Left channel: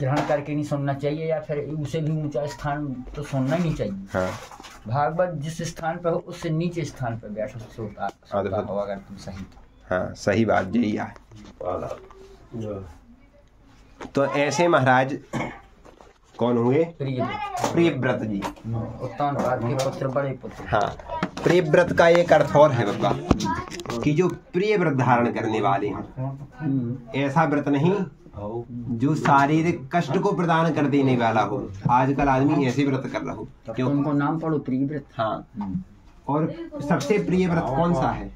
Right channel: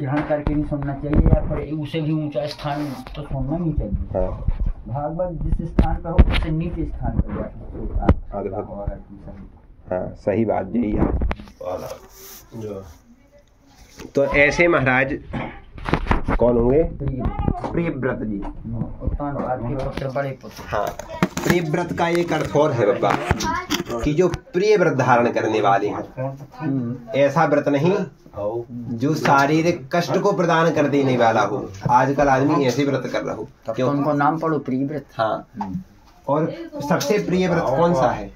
ग्रहण करके नहीं सुनना चाहिए, या फिर उसे भी ऊंचा स्थान तो सुनना नहीं चाहिए। हाँ। भागवत जिस स्थान पर हो उससे नीचे स्थान पर बैठो अगर तुम सही। हाँ सही बात यही है। तो ऐसे महाराज कौन हुए? प्रियव्रत जी, उत्तानपाद के पुत्र, बड़े पुत्र। हाँ, प्रियव्रत का एक अर्थ और है बाबा कि जो प्रिय व्रत धारण करने वाले हैं। ऐसा व्रत नहीं जो शारीरिक कष्ट को प्रदान कर देने वाला हो। आजकल आदमी ऐसे व्रत कर रहा हो, क्यों? उनको नाम पढ़ो प्रियव्रत। हाँ, और सबसे प्रिय व्रत कौन सा है?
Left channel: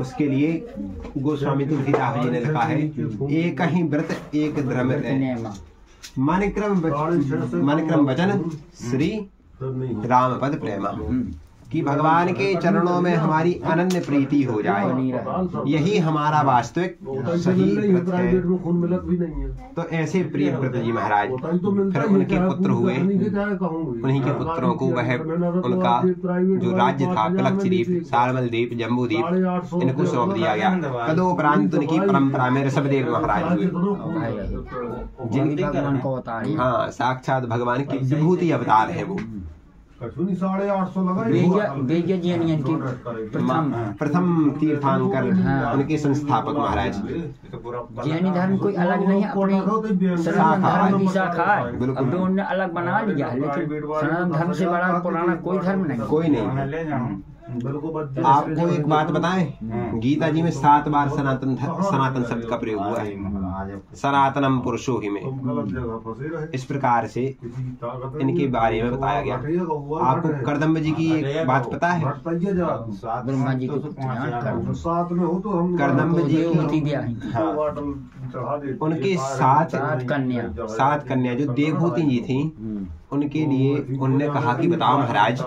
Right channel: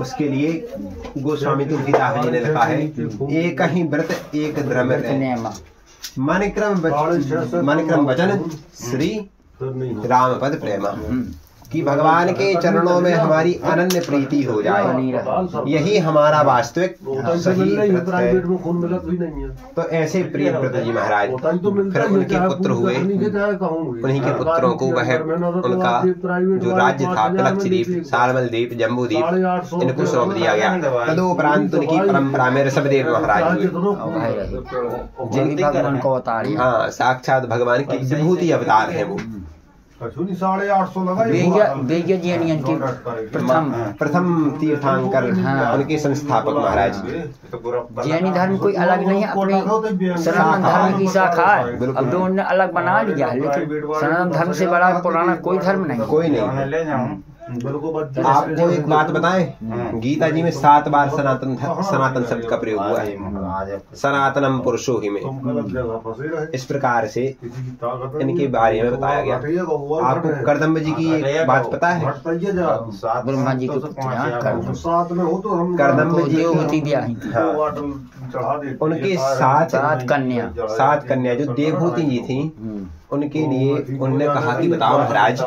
उसके लिए गोस्वामी तुलसीदास जी ने लिखा है, एक ही व्रत एक धर्म मन क्रम वचन श्री राम पद प्रेमा। कि भगवान के चरणों में हमारी अनन्य प्रीति हो जाए, यही हमारा वास्तविक सही व्रत है। तो ऐसे प्रिय व्रत जी महाराज, फिर उनके पुत्र हुए, उन्हीं के पुत्रों को वह उनका जो राज्य था पिलक्षद्वीप, सालमलद्वीप, जम्बूद्वीप, इनको सौंप दिया गया। तदुपरांत उनकी परंपरा में ऋषभदेव महाराज हुए। हाँ, साक्षात भगवान की विभूति अवतार है वो। प्रथम तीर्थंकर, उनके संस्थापक महाराज। जैनी धर्म कोई अलग नहीं है, अपने सनातन धर्म की शाखा है। अब तो उन्होंने अलग बना लिया, लेकिन सनातन धर्म से बड़ा पुराना कोई धर्म नहीं। कोई नहीं। आपको एक बात बताएं, गीता जी में 7 बार सनातन शब्द का प्रयोग हुआ है। सनातनम पुरुषो ही में इस प्रकार से इनके बारे में बताया गया। आपको कर्दम्ब जी की एक बात पता है? ब्रह्मा जी को कर्दम्ब जी उनके 7 कन्या जो देवभूति जी थी, उनके लिए उन्होंने कहा कि बताओ महाराज,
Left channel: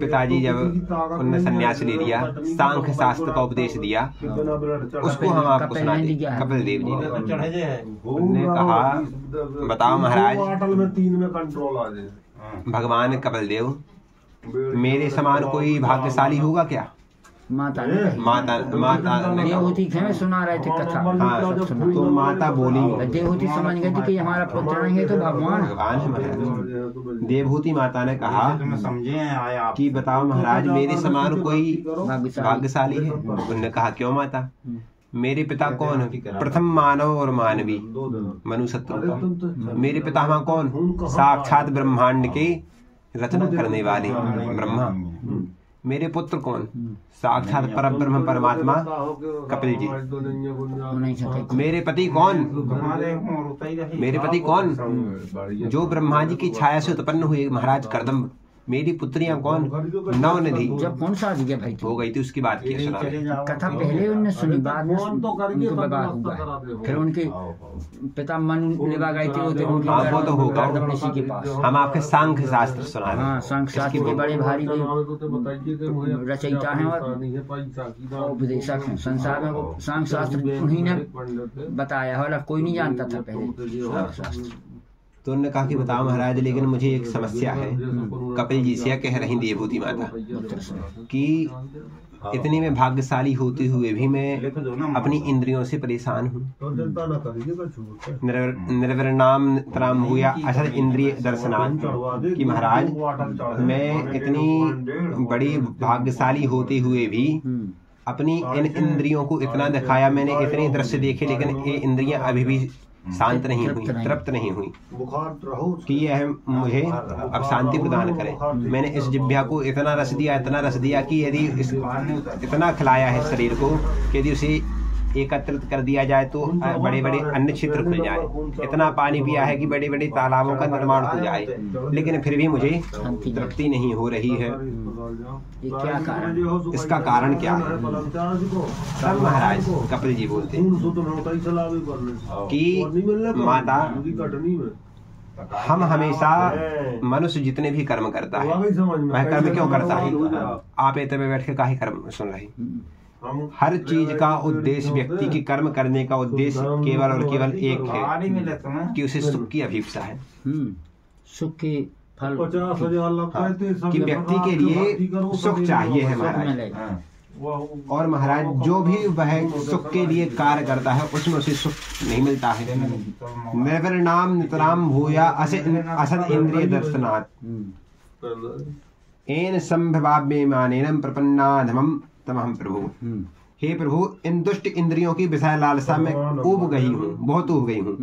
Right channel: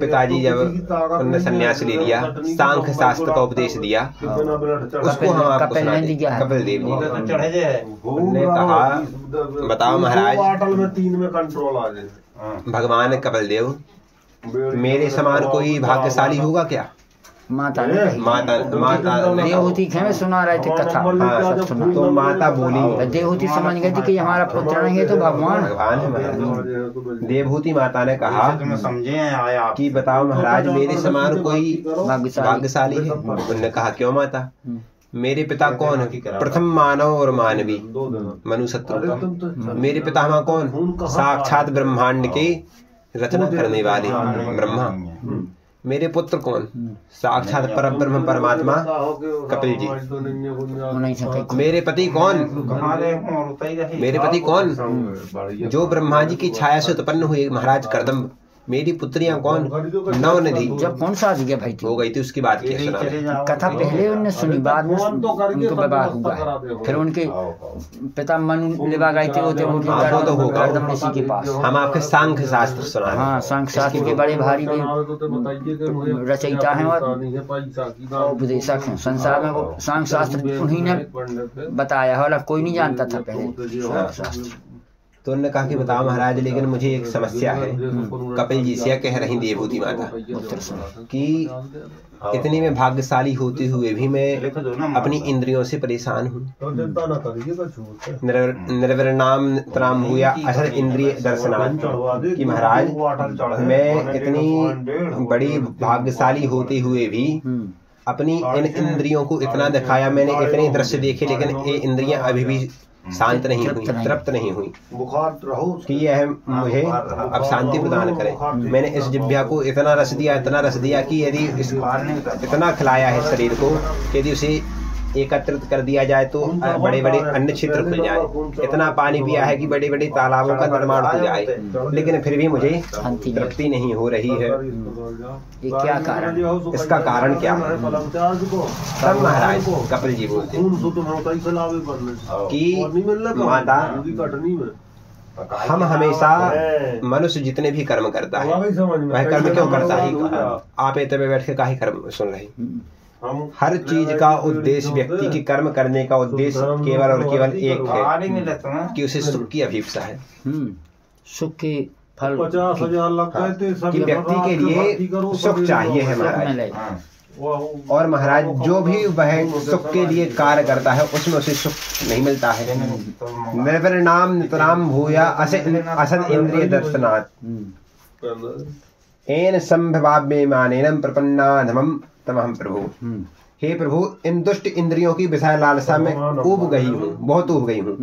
पिताजी जब उन्होंने संन्यास ले लिया, सांख्य शास्त्र का उपदेश दिया, उसको हम आपको सुनाते। कपिल देव जी उन्होंने कहा, बताओ महाराज, भगवान कपिल देव मेरे समान कोई भाग्यशाली होगा क्या? माता देवहूति सुना रहे थे कथा। हाँ, तो माता बोली, देवहूति समझ गई थी कि हमारा पुत्र नहीं है तो भगवान है। देवहूति माता ने कहा कि बताओ महाराज, मेरे समान कोई भाग्यशाली है? उन्होंने कहा क्यों माता, मेरे पिता कौन है? प्रथम मानव और मानवी मनुशत्रु। मेरे पितामह कौन? साक्षात ब्रह्मांड के रचना करने वाले ब्रह्मा। मेरे पुत्र कौन? साक्षात परब्रह्म परमात्मा कपिल जी। मेरे पति कौन? मेरे पति कौन? जो ब्रह्मा जी की छाया से उत्पन्न हुए महाराज कर्दम्ब। मेरी पुत्रियां कौन? 9 निधि। जब कौन सा जगह भाई हो गई थी उसकी बात की कथा पहले उनने सुनी, बाद में उनको विवाह हुआ। फिर उनके पिता मनु विवाह गए थे, कर्दम ऋषि के पास। हम आपके सांख्य शास्त्र सुना। हाँ, सांख्य शास्त्र के बड़े भारी रचयिता हैं और उपदेशक हैं। संसार में सांख्य शास्त्र उन्हीं ने बताया है, कोई नहीं जानता था पहले शास्त्र। तो उन्होंने कहा कि बताओ महाराज, लेकिन मुझे एक समस्या है। कपिल जी से कह रही देवभूति माता कि इतनी में भाग्यशाली होते हुए भी मैं अपनी इंद्रियों से परेशान हूँ। निर्विणाम त्राम हुआ असल इंद्रिय दर्शनाथ। कि महाराज, मैं इतनी बड़ी भाग्यशाली होते हुए भी अपनी इन इंद्रियों को इतना दिखाया, मैंने इतने दृश्य देखे, लेकिन ये इंद्रियां अभी भी शांत नहीं हुई, तृप्त नहीं हुई कि यह मुझे अब शांति प्रदान करे। मैंने इस जिह्वा को इतना रस दिया कि यदि इतना खिलाया है शरीर को कि यदि उसे एकत्रित कर दिया जाए तो बड़े बड़े अन्न क्षेत्र खुल जाए। इतना पानी पिया है कि बड़े बड़े तालाबों का निर्माण हो जाए, लेकिन फिर भी मुझे तृप्ति नहीं हो रही है। ये क्या कारण? इसका कारण क्या है? तब महाराज कपिल जी बोलते कि माता, हम हमेशा मनुष्य जितने भी कर्म करता है, वह कर्म क्यों करता है? आप इतने में बैठ के काहे कर्म सुन रहे? हर चीज का उद्देश्य, व्यक्ति के कर्म करने का उद्देश्य केवल और केवल एक है कि उसे सुख की अभिप्सा है। सुख के फल, कि व्यक्ति के लिए सुख चाहिए है महाराज। और महाराज जो भी वह सुख के लिए कार्य करता है उसमें उसे सुख नहीं मिलता है। निर्विणाम नितराम भूया असद इंद्रिय दर्शनात् एन संभवाव्य मानेनम प्रपन्नाधमम तमहम प्रभु। हे प्रभु, इन दुष्ट इंद्रियों की विषय लालसा में ऊब गई हूँ, बहुत ऊब गई हूँ,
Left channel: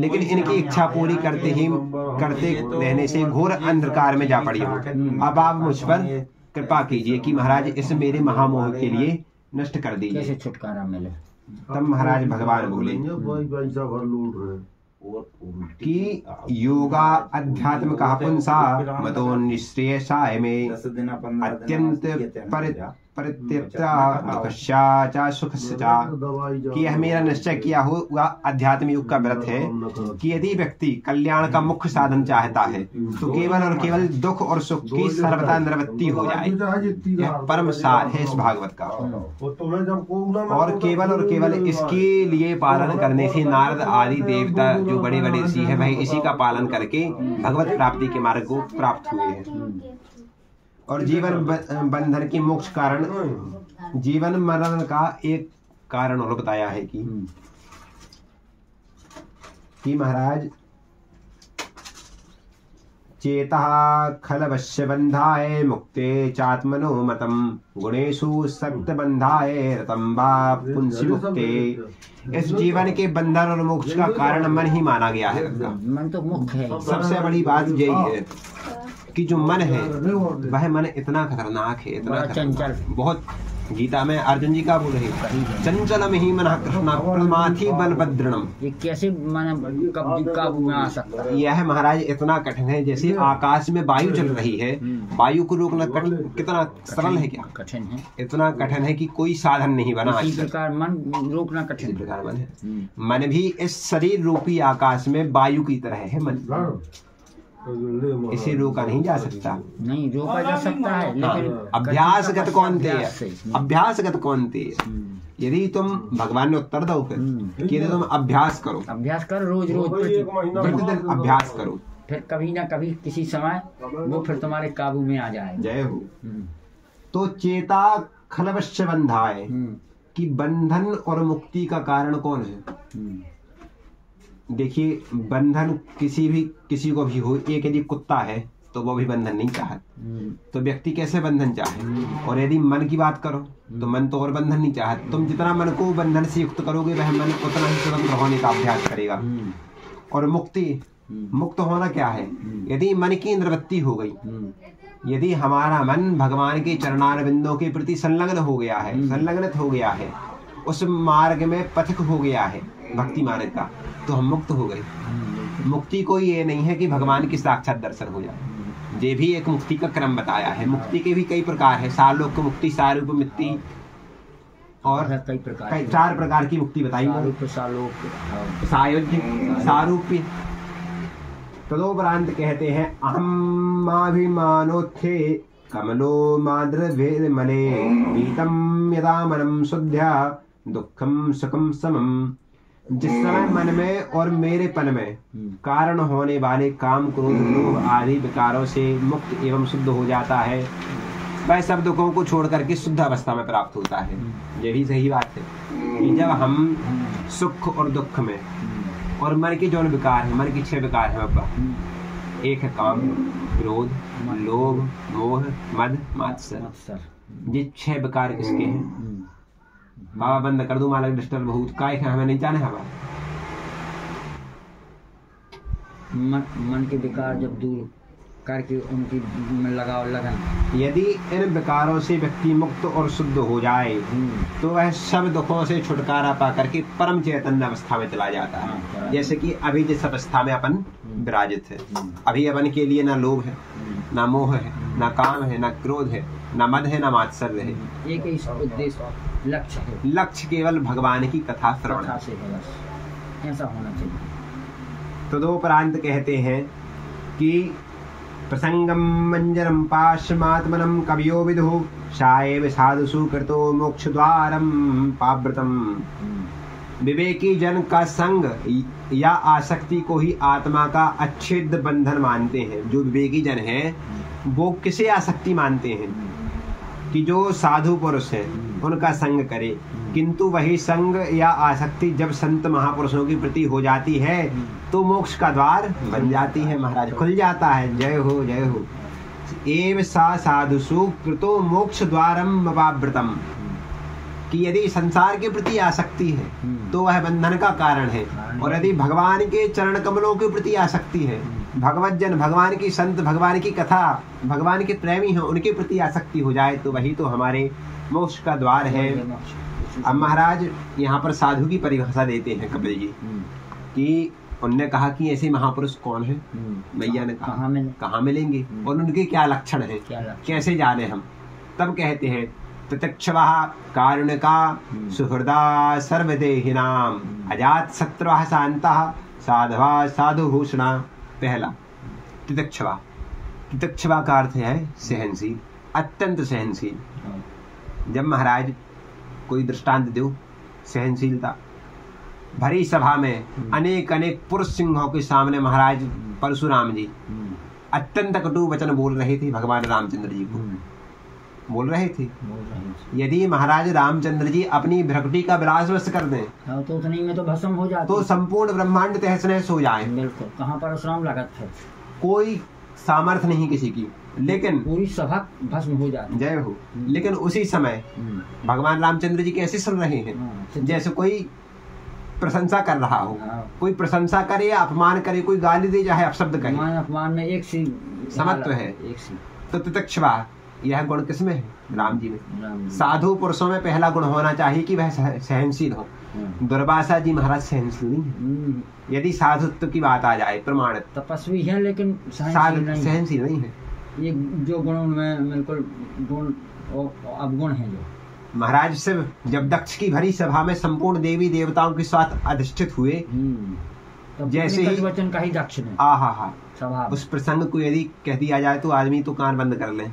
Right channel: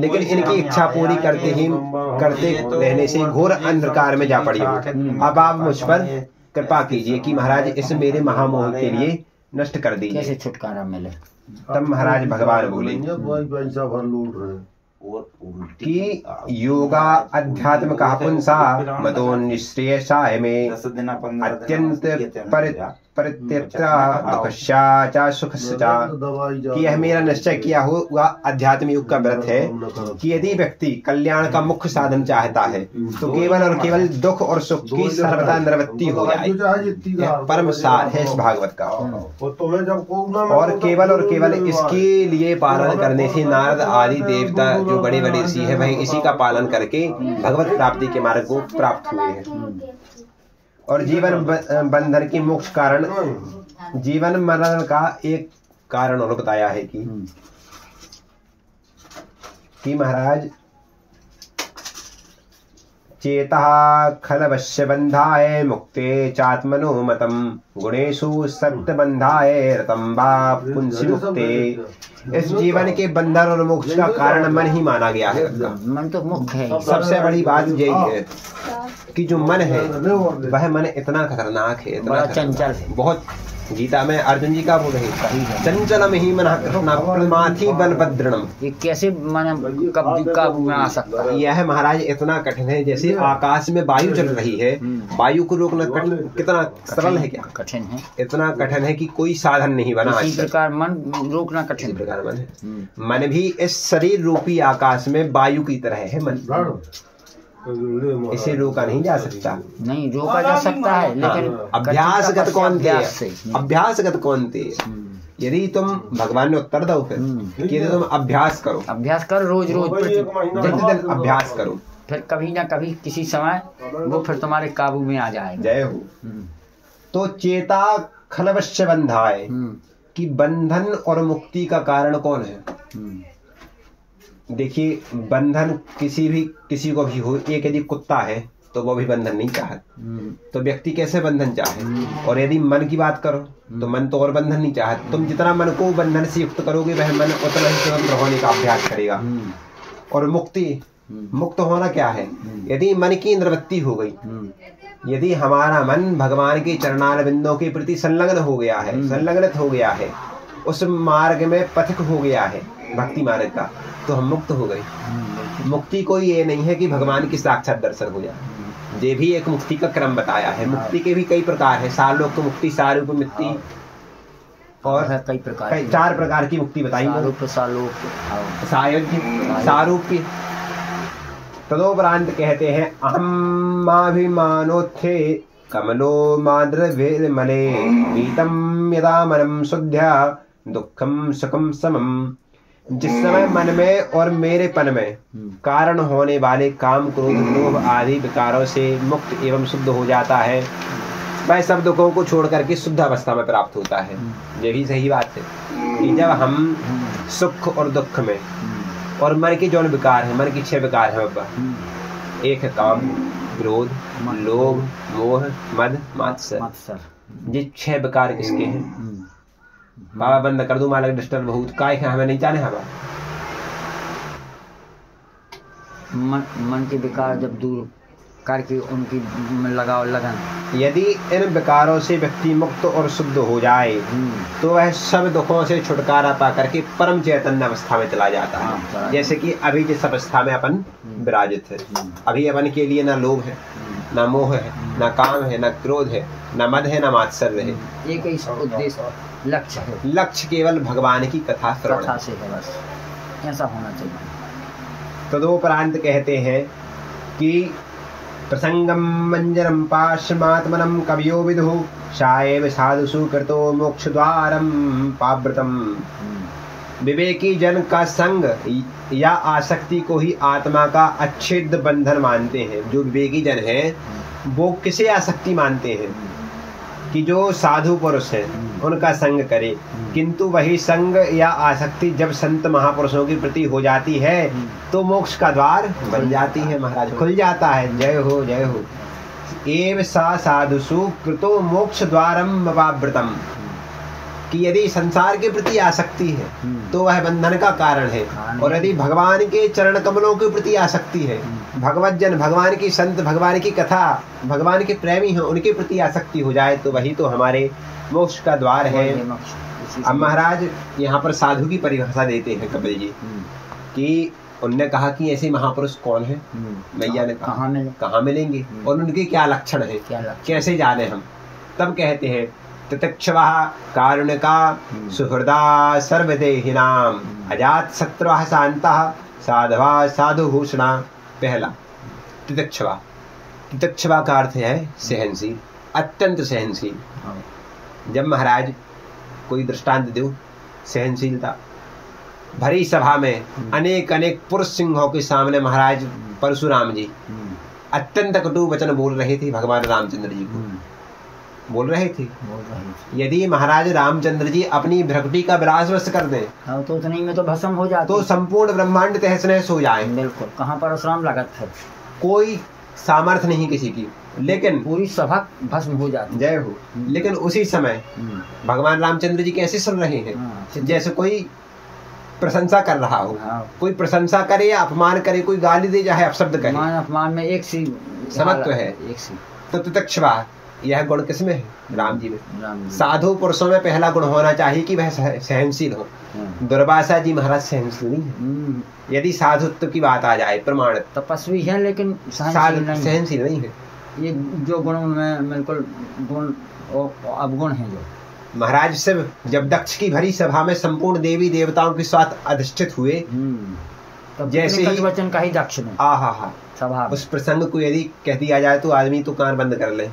लेकिन इनकी इच्छा पूरी करते रहने से घोर अंधकार में जा पड़ी हूँ। अब आप मुझ पर कृपा कीजिए कि महाराज इस मेरे महामोह के लिए नष्ट कर दीजिए। कैसे छुटकारा मिले? तब महाराज भगवान बोले कि योगा अध्यात्म का पुंसा मतो निश्रेयसाय में अत्यंत परित्यक्ता सुखस्या, कि यह मेरा निश्चय किया हुआ अध्यात्म योग का व्रत है कि यदि व्यक्ति कल्याण का मुख्य साधन चाहता है तो केवल और केवल दुख और सुख की सर्वदा निवृत्ति हो जाए। यह परम सार है इस भागवत का, और केवल इसके लिए पालन करने से नारद आदि देवता जो बड़े बड़े ऋषि है वह इसी का पालन करके भगवत प्राप्ति के मार्ग को प्राप्त हुए हैं। और जीवन बंधन की मोक्ष कारण जीवन मरण का एक कारण और बताया है कि महाराज चेता खलवश्य बंधाय मुक्ते चात्मनो मतम गुणेशु सत्य बंधाय रतम वा पुंसी मुक्ते। इस जीवन के बंधन और मोक्ष का कारण मन ही माना गया है। मन तो मुख्य है। सबसे बड़ी बात यही है कि जो मन है वह मन इतना खतरनाक है, इतना चंचल है। बहुत गीता में अर्जुन जी का बोल रहे चंचलम ही मन कृष्ण प्रमाथि बलभद्रणम। ये कैसे मन काबू में आ सकता है? यह महाराज इतना कठिन है जैसे आकाश में वायु चल रही है, वायु को रोकना कितना सरल है, क्या कठिन है? इतना कठिन है कि कोई साधन नहीं बना। इसी प्रकार मन रोकना कठिन प्रकार मन है। मन भी इस शरीर रूपी आकाश में वायु की तरह है। मन इसे रोका नहीं जा सकता। नहीं रोका जा सकता है, लेकिन अभ्यासगत कौन थे? अभ्यासगत कौन थे? यदि तुम भगवान ने उत्तर दो फिर कि तुम अभ्यास करो रोज दिन अभ्यास करो, फिर कभी ना कभी किसी समय वो फिर तुम्हारे काबू में आ जाएगा। जय हो। तो चेता खलवश्य बंधाए कि बंधन और मुक्ति का कारण कौन है? देखिए, बंधन किसी को भी हो, एक यदि कुत्ता है तो वो भी बंधन नहीं चाहता, तो व्यक्ति कैसे बंधन चाहे? और यदि मन की बात करो तो मन तो और बंधन नहीं चाहता। तुम जितना मन को बंधन से युक्त करोगे वह मन उतना ही स्वतंत्र होने का अभ्यास करेगा। और मुक्त होना क्या है? यदि मन की निवृत्ति हो गई, यदि हमारा मन भगवान के चरणारविंदों के प्रति संलग्न हो गया है, संलग्नित हो गया है, उस मार्ग में पथिक हो गया है भक्ति मार्ग का, तो हम मुक्त हो गए। मुक्ति कोई ये नहीं है कि भगवान की साक्षात दर्शन हो जाए, ये भी एक मुक्ति का क्रम बताया है। मुक्ति के भी कई प्रकार है। सालोक तो मुक्ति, सारूप मुक्ति, और कई प्रकार, 4 प्रकार की मुक्ति बताई। सारूप्य। तदोपरांत कहते हैं अहमाभिमानोत्थे कमलो माद्रवेदमले नीतम यदा मनम शुद्ध्या दुखम सुखम समम। जिस समय मन में और मेरेपन में कारण होने वाले काम, क्रोध, लोभ आदि विकारों से मुक्त एवं शुद्ध हो जाता है, वह सब दुखों को छोड़ करके शुद्ध अवस्था में प्राप्त होता है। ये भी सही बात है कि जब हम सुख और दुख में, और मन के जो विकार है, मन की 6 विकार है, एक है काम, क्रोध, लोभ, मोह, मद, मात्सर्य। ये 6 विकार किसके हैं? बाबा बंद कर दो, मालिक डिस्टर्ब बहुत काय है, हमें नहीं जाने। हमें मन के विकार जब दूर करके उनकी लगाओ लगन, यदि इन विकारों से व्यक्ति मुक्त और शुद्ध हो जाए तो वह सब दुखों से छुटकारा पा करके परम चैतन्य अवस्था में चला जाता है। जैसे कि अभी जिस अवस्था में अपन विराजित है, अभी अपन के लिए न लोभ है, न मोह है, न काम है, न क्रोध है, न मद है, न मात्सर्य है। एक ही उद्देश्य, लक्ष्य है। लक्ष्य केवल भगवान की कथा श्रवण से है, बस ऐसा होना चाहिए। तदोपरांत कहते हैं कि प्रसंगम मंजरम पाश्रमात्मनम कवियो विदुः शायव साधुषु कृतो मोक्ष द्वारम पाव्रतम। विवेकी जन का संग या आसक्ति को ही आत्मा का अच्छेद्य बंधन मानते हैं। जो विवेकी जन है वो किसे आसक्ति मानते हैं? कि जो साधु पुरुष है उनका संग करे, किंतु वही संग या आसक्ति जब संत महापुरुषों की प्रति हो जाती है तो मोक्ष का द्वार बन जाती है महाराज, खुल जाता है। जय हो जय हो। एव सा साधुषु कृतो मोक्ष द्वारम अपावृतम, कि यदि संसार के प्रति आसक्ति है तो वह बंधन का कारण है, और यदि भगवान के चरण कमलों के प्रति आसक्ति है, भगवत जन, भगवान की संत, भगवान की कथा, भगवान के प्रेमी हैं, उनके प्रति आसक्ति हो जाए तो वही तो हमारे मोक्ष का द्वार है। अब महाराज यहाँ पर साधु की परिभाषा देते हैं कपिल जी, कि उनने कहा कि ऐसे महापुरुष कौन है, मैया ने कहाँ मिलेंगे और उनके क्या लक्षण है, कैसे जाने हम। तब कहते हैं तितिक्षवः कारुणिका सुहृदा सर्वदेहिनाम अजात शत्रुः शान्तः साधवा साधुभूषणा। पहला तितिक्षवा, तितिक्षवा का अर्थ है सहनशील, अत्यंत सहनशील। जब महाराज कोई दृष्टांत दो, सहनशीलता। भरी सभा में अनेक अनेक पुरुष सिंहों के सामने महाराज परशुराम जी अत्यंत कटु वचन बोल रहे थे, भगवान रामचंद्र जी को बोल रहे थे। यदि महाराज रामचंद्र जी अपनी भ्रकुटी का विलासवश कर दें तो उतनी में तो भस्म हो जाता, तो संपूर्ण ब्रह्मांड तहस नहस हो जाए। बिल्कुल, कहाँ परशुराम लागत है, कोई सामर्थ्य नहीं किसी की, लेकिन पूरी सभा भस्म हो जाती। जय हो। लेकिन उसी समय भगवान रामचंद्र जी कैसे सुन रहे हैं, जैसे कोई प्रशंसा कर रहा हो। कोई प्रशंसा करे या अपमान करे, कोई गाली दे चाहे अपशब्द करे, अपमान में एक सी समत्व है। तो तितिक्षवा यह गुण किसमें है? राम जी में। साधु पुरुषों में पहला गुण होना चाहिए कि वह सहनशील हो। दुर्वासा जी महाराज सहनशील नहीं है। यदि साधुत्व की बात आ जाए, प्रमाण तपस्वी है लेकिन सहनशील नहीं है। ये जो गुण उनमें बिल्कुल गुण अवगुण है। जो महाराज से जब दक्ष की भरी सभा में संपूर्ण देवी देवताओं के साथ अधिष्ठित हुए, जैसे ही वचन का ही दक्ष में सभा उस प्रसंग को यदि कह दिया जाए तो आदमी तो कान बंद कर ले,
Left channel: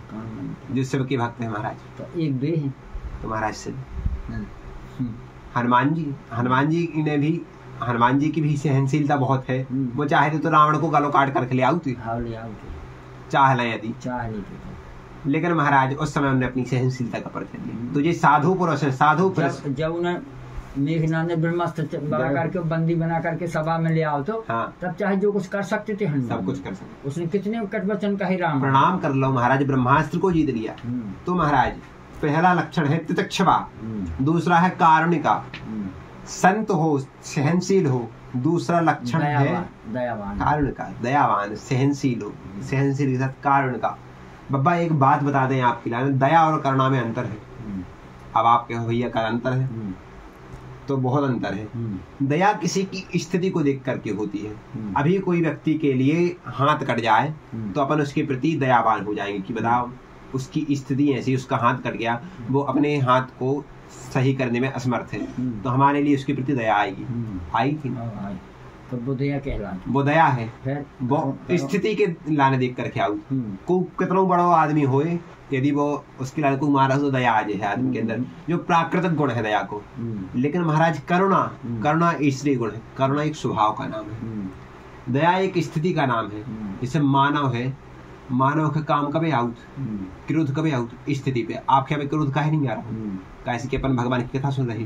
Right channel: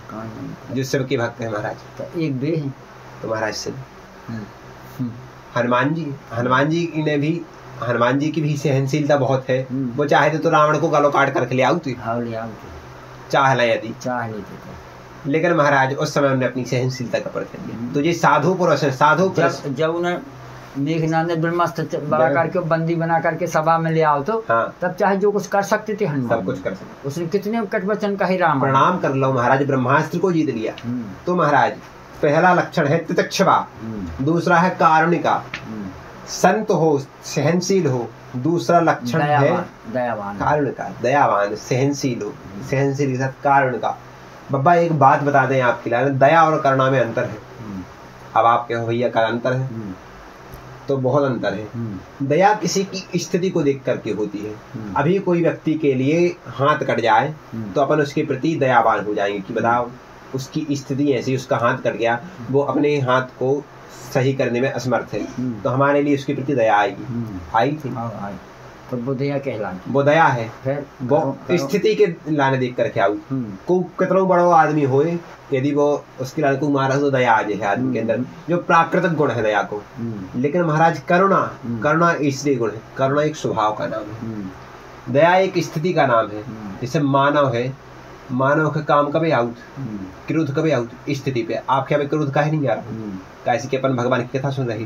जो शिव के भक्त है महाराज। तो एक बे है तो महाराज से हनुमान जी ने भी, हनुमान जी की भी सहनशीलता बहुत है। वो चाहे तो रावण को गलों काट कर ले आओ, चाह ले यदि चाह लेते, लेकिन महाराज उस समय उन्होंने अपनी सहनशीलता का परिचय दिया। तो ये साधु पुरुष है। साधु पुरुष जब उन्हें मेघनाथ ने ब्रह्मास्त्र बड़ा करके बंदी बना करके सभा में ले आओ तो तब चाहे जो कुछ कर सकते थे हनुमान, सब कुछ कर सकते। उसने कितने कटवचन का ही राम प्रणाम कर लो महाराज, ब्रह्मास्त्र को जीत लिया। तो महाराज पहला लक्षण है तितिक्षवा, दूसरा है कारुणिका, संत हो, सहनशील हो। दूसरा लक्षण है दयावान, कारुणिका, दयावान, सहनशील हो, सहनशील के साथ कारुणिका। बाबा एक बात बता दें आपके लिए, दया और करुणा में अंतर है। अब आप कहो भैया का अंतर है, तो बहुत अंतर है। दया किसी की स्थिति को देख करके होती है। अभी कोई व्यक्ति के लिए हाथ कट जाए तो अपन उसके प्रति दयावान हो जाएंगे कि बताओ उसकी स्थिति ऐसी, उसका हाथ कट गया, वो अपने हाथ को सही करने में असमर्थ है, तो हमारे लिए उसके प्रति दया आएगी। आई थी तो वो दया कहलाती, वो दया है। वो स्थिति के लाने देख करके आऊ को कितना बड़ो आदमी होए, यदि वो उसके लाने को मारा तो दया आ जाए आदमी के अंदर, जो प्राकृतिक गुण है दया को। लेकिन महाराज करुणा ईश्वरीय गुण है। करुणा एक स्वभाव का नाम है, दया एक स्थिति का नाम है। जैसे मानव है, मानव का काम कभी आउट, क्रोध कभी आउट स्थिति पे। आपके भाई क्रोध काहे नहीं आ रहा, कैसे कि अपन भगवान की कथा सुन रही।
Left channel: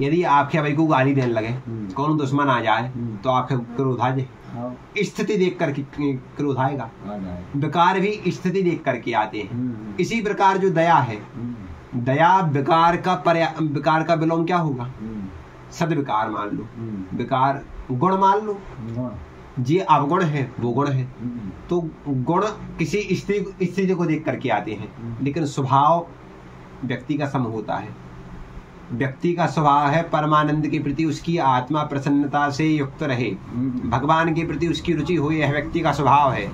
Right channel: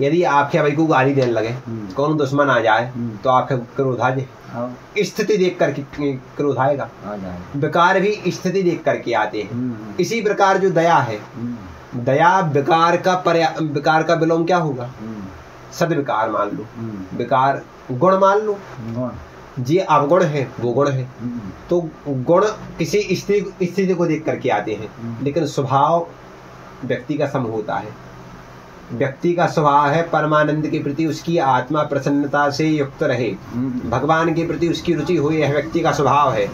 यदि आपके भाई को गाली देने लगे, कौन दुश्मन आ जाए तो आपके क्रोध आ जाए। स्थिति देख करके क्रोध आएगा। विकार भी स्थिति देख करके आते हैं। इसी प्रकार जो दया है, दया विकार का विलोम क्या होगा? सदविकार मान लो, विकार गुण मान लो। ये अवगुण है, वो गुण है। तो गुण किसी स्थिति को देख करके आते हैं, लेकिन स्वभाव व्यक्ति का सम होता है। व्यक्ति का स्वभाव है परमानंद के प्रति उसकी आत्मा प्रसन्नता से युक्त रहे, भगवान के प्रति उसकी रुचि हो, यह व्यक्ति का स्वभाव है।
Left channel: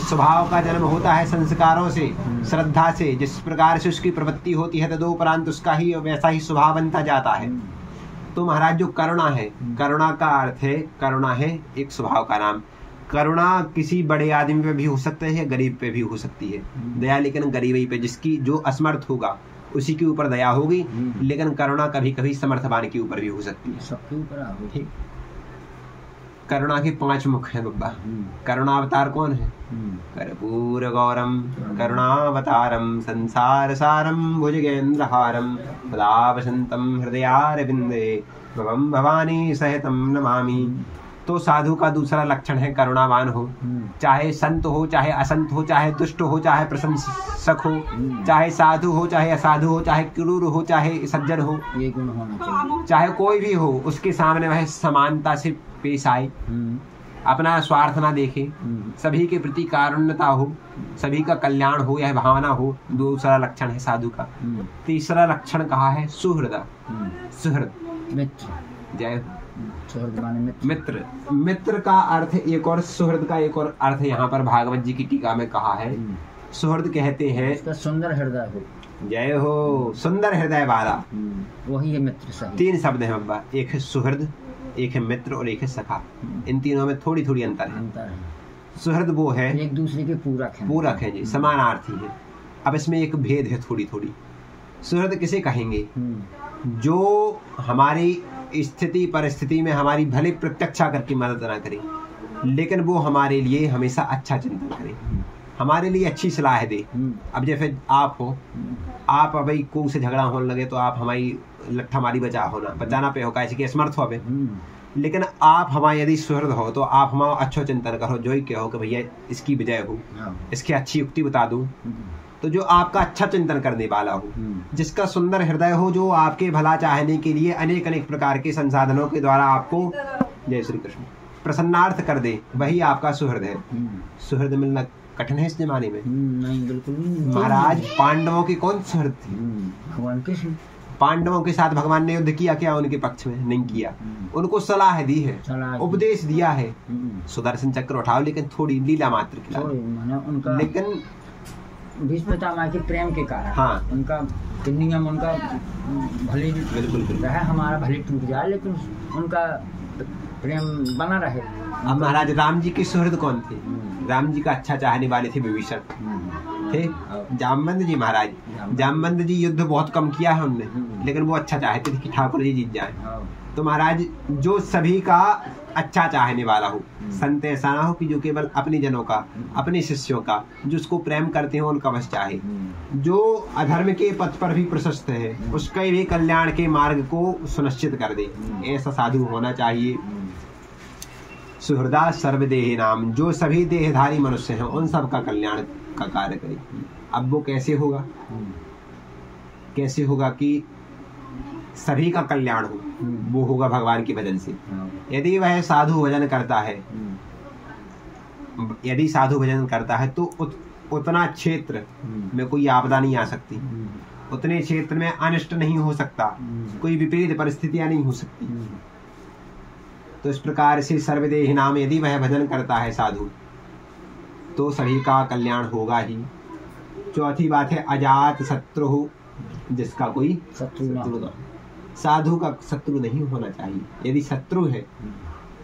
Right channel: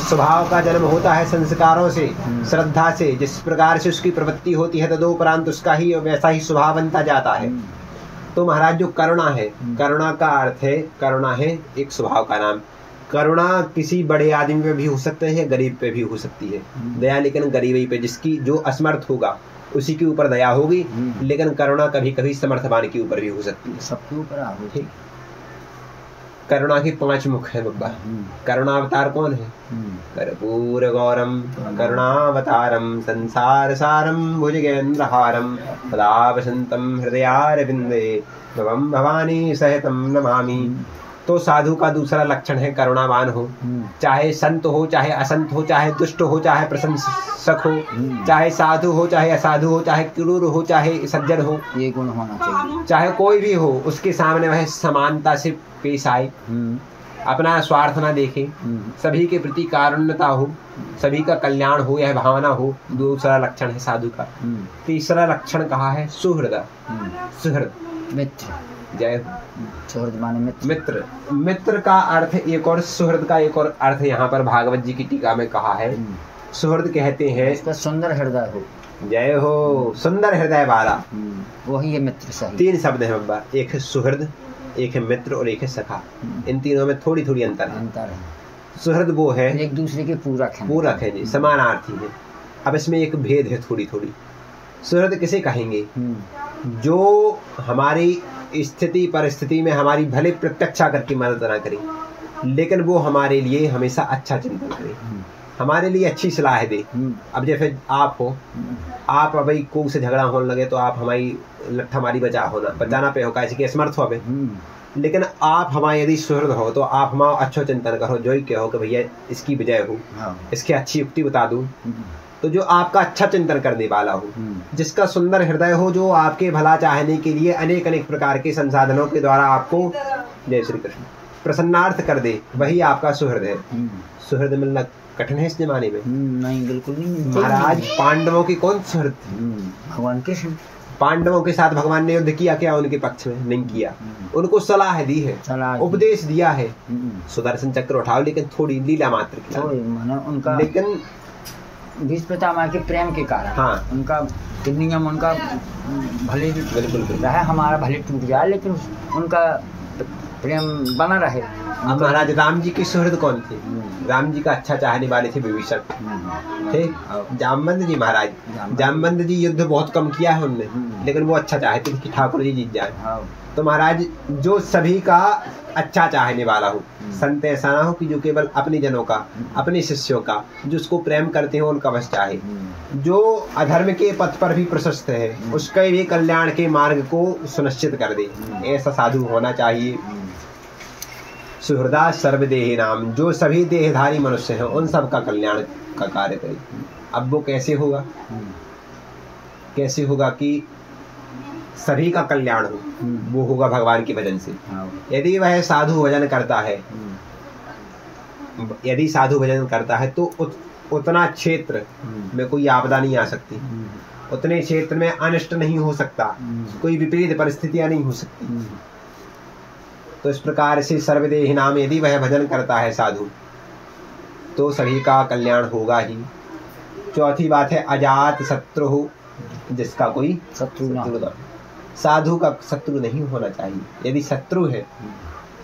स्वभाव का जन्म होता है संस्कारों से, श्रद्धा से। जिस प्रकार से उसकी प्रवृत्ति होती है तदोपरांत उसका ही वैसा ही स्वभाव बनता जाता है। तो महाराज जो करुणा है, करुणा का अर्थ है, करुणा है एक स्वभाव का नाम। करुणा किसी बड़े आदमी पे भी हो सकते है, गरीब पे भी हो सकती है दया, लेकिन गरीबी पे, जिसकी जो असमर्थ होगा उसी के ऊपर दया होगी। लेकिन करुणा कभी कभी समर्थवान के ऊपर भी हो सकती है, सबके ऊपर। ठीक। करुणा की 5 मुख है बब्बा। करुणावतार कौन है? कर्पूर गौरम करुणावतारम संसार सारम भुजगेंद्रहारम सदा वसंतम हृदयारविंदे भवम भवानी सहितम नमामि। तो साधु का दूसरा लक्षण है करुणावान हो, चाहे संत हो चाहे असंत हो, चाहे दुष्ट हो चाहे प्रशंसक हो, चाहे साधु हो चाहे असाधु हो, चाहे क्रूर हो चाहे सज्जन हो, ये गुण होना चाहिए। चाहे कोई भी हो उसके सामने वह समानता से पेश आए, अपना स्वार्थ ना देखे, सभी के प्रति कारुण्यता हो, सभी का कल्याण हो, यह भावना हो। दूसरा लक्षण है साधु का। तीसरा लक्षण कहा है सुहृद। सुहृद मित्र, जय सुहृद माने मित्र। मित्र, मित्र का अर्थ एक और, सुहृद का एक और अर्थ यहाँ पर भागवत जी की टीका में कहा है। सुहृद कहते हैं इसका सुंदर हृदय हो। जय हो, सुंदर हृदय वाला, वही है मित्र। सही 3 शब्द है बाबा, एक है सुहृद, एक है मित्र और एक है सखा। इन तीनों में थोड़ी थोड़ी अंतर है। सुहृद वो है एक दूसरे के पूरक है, पूरक है जी, समानार्थी है। अब इसमें एक भेद है थोड़ी थोड़ी। सुहृद किसे कहेंगे? जो हमारी स्थिति परिस्थिति में हमारी भले प्रत्यक्षा करके मदद ना करे, लेकिन वो हमारे लिए हमेशा अच्छा चिंतन करे, हमारे लिए अच्छी सलाह दे। अब जैसे आप हो, आप अभी को से झगड़ा होने लगे तो आप हमारी लट्ठा मारी बचाना पे हो, कैसे कि असमर्थ हो अबे। लेकिन आप हमारे यदि सुहृद हो तो आप हमारा अच्छा चिंतन करो, जो ही कहो कि भैया इसकी विजय हो, इसकी अच्छी युक्ति बता दूं, तो जो आपका अच्छा चिंतन करने वाला हो, जिसका सुंदर हृदय हो, जो आपके भला चाहने के लिए अनेक अनेक प्रकार के संसाधनों के द्वारा आपको, जय श्री कृष्ण, प्रसन्नार्थ कर दे, वही आपका सुहृद है। सुहृद मिलना कठिन है इस जमाने में? नहीं, बिल्कुल नहीं। महाराज पांडवों की कौन सुहृद थी? भगवान कृष्ण। पांडवों के साथ भगवान ने युद्ध किया क्या? उनके पक्ष में नहीं किया, उनको सलाह दी है, उपदेश दिया है, सुदर्शन चक्र उठाओ, लेकिन थोड़ी लीला मात्र की, उनका लेकिन भीष्म पितामह के प्रेम के कारण, हाँ, उनका नियम, उनका भले बिल्कुल रहे, हमारा भले टूट जाए लेकिन उनका प्रेम बना रहे। अब महाराज राम जी की सुहृद कौन थे? राम जी का अच्छा चाहने वाले थे विभीषण थे। जामवंत जी, महाराज जामवंत जी युद्ध बहुत कम किया है उनने, लेकिन वो अच्छा चाहते थे कि ठाकुर जी जीत जाए। तो महाराज जो सभी का अच्छा चाहने वाला हो, संत ऐसा ना हो कि जो केवल अपने जनों का, अपने शिष्यों का, जो उसको प्रेम करते हो उनका बस चाहे, जो अधर्म के पथ पर भी प्रशस्त है उसके भी कल्याण के मार्ग को सुनिश्चित कर दे, ऐसा साधु होना चाहिए। सुहृदा सर्वदेही नाम, जो सभी देहधारी मनुष्य हैं उन सब का कल्याण का कार्य करे। अब वो कैसे होगा? कैसे होगा कि सभी का कल्याण हो? वो होगा भगवान के भजन से। यदि वह साधु भजन करता है, यदि साधु भजन करता है तो उतना क्षेत्र में कोई आपदा नहीं आ सकती, उतने क्षेत्र में अनिष्ट नहीं हो सकता, कोई विपरीत परिस्थितियां नहीं हो सकती। तो इस प्रकार से सर्वदेही नाम यदि वह भजन करता है साधु, तो सभी का कल्याण होगा ही। चौथी बात है अजात शत्रु, जिसका कोई शत्रु ना। साधु का शत्रु नहीं होना चाहिए। यदि शत्रु है,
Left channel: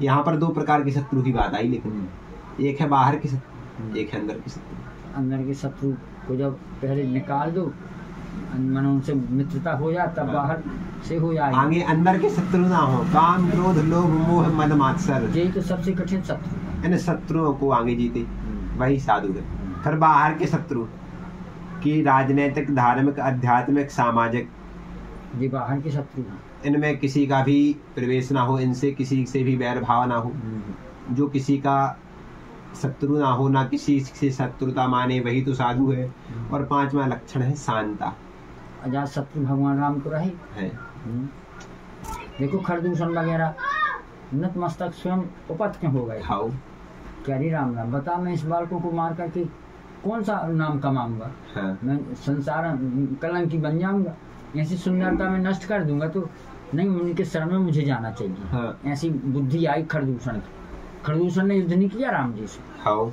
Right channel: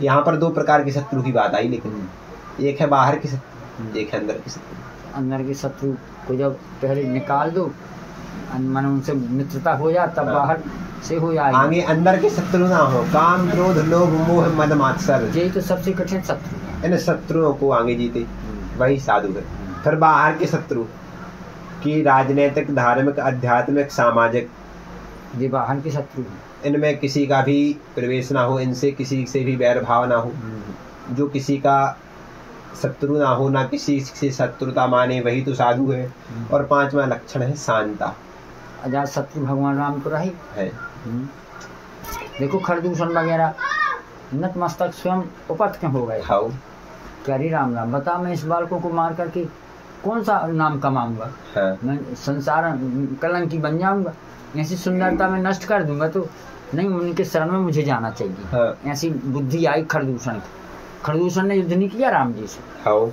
यहाँ पर 2 प्रकार के शत्रु की बात आई, लेकिन एक है बाहर के शत्रु, एक है अंदर के शत्रु। अंदर के शत्रु को जब पहले निकाल दो, मन उनसे मित्रता हो जाए, तब बाहर से हो जाए। आगे अंदर के शत्रु ना हो, काम क्रोध लोभ मोह मद मात्सर, यही तो सबसे कठिन शत्रु है। इन शत्रुओं को आगे जीते वही साधु है। फिर बाहर के शत्रु की राजनीतिक, धार्मिक, आध्यात्मिक, सामाजिक, ये बाहर के शत्रु हैं। इनमें किसी का भी प्रवेश ना हो, इनसे किसी से भी वैर भाव ना हो, जो किसी का शत्रु ना हो, ना किसी से शत्रुता माने, वही तो साधु है। और 5वां लक्षण है शांता। अजात शत्रु भगवान राम को रही है। देखो खरदूषण वगैरह नतमस्तक स्वयं उपत क्यों हो गए? क्या राम राम बता, मैं इस बालकों को मार करके कौन सा नाम कमाऊंगा? हाँ। मैं संसार कलंकी बन जाऊंगा, ऐसी सुंदरता में नष्ट कर दूंगा, तो नहीं, उनके शरण में मुझे जाना चाहिए। हाँ। ऐसी बुद्धि आई खरदूषण। खरदूषण ने युद्ध नहीं किया राम जी से। हाँ।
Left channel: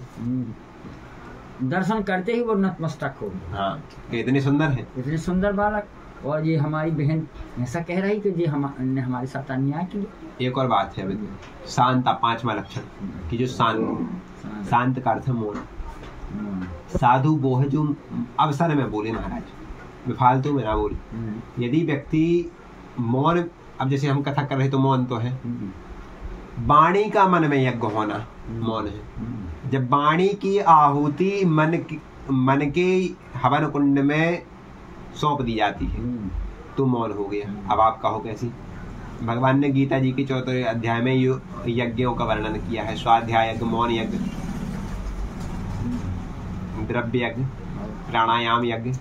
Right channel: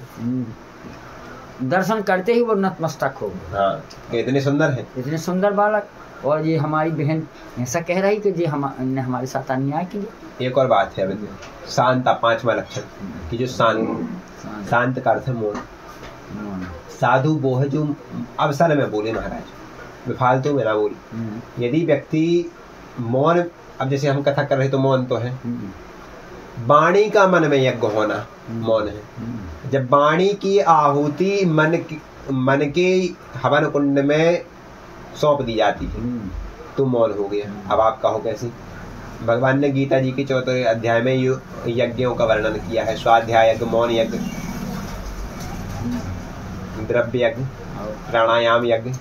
दर्शन करते ही वो नतमस्तक हो गए। हाँ। इतने सुंदर है, इतने सुंदर बालक। और ये हमारी बहन ऐसा कह रही कि जी हमने हमारे साथ अन्याय किया। एक और बात है शांता, 5वां लक्षण कि जो शांत का अर्थ है मौन। साधु वो है जो अवसर में बोले, महाराज बेफालतू में ना बोले। यदि व्यक्ति मौन, अब जैसे हम कथा कर रहे तो मौन तो है, वाणी का मन में यज्ञ होना मौन है। जब वाणी की आहुति मन के हवन कुंड में सौंप दी जाती है तो मौन हो गया। अब आप कहो कैसी? भगवान ने गीता जी के 4वें अध्याय में यज्ञों का वर्णन किया है। स्वाध्याय यज्ञ, मौन यज्ञ, द्रव्य यज्ञ, प्राणायाम यज्ञ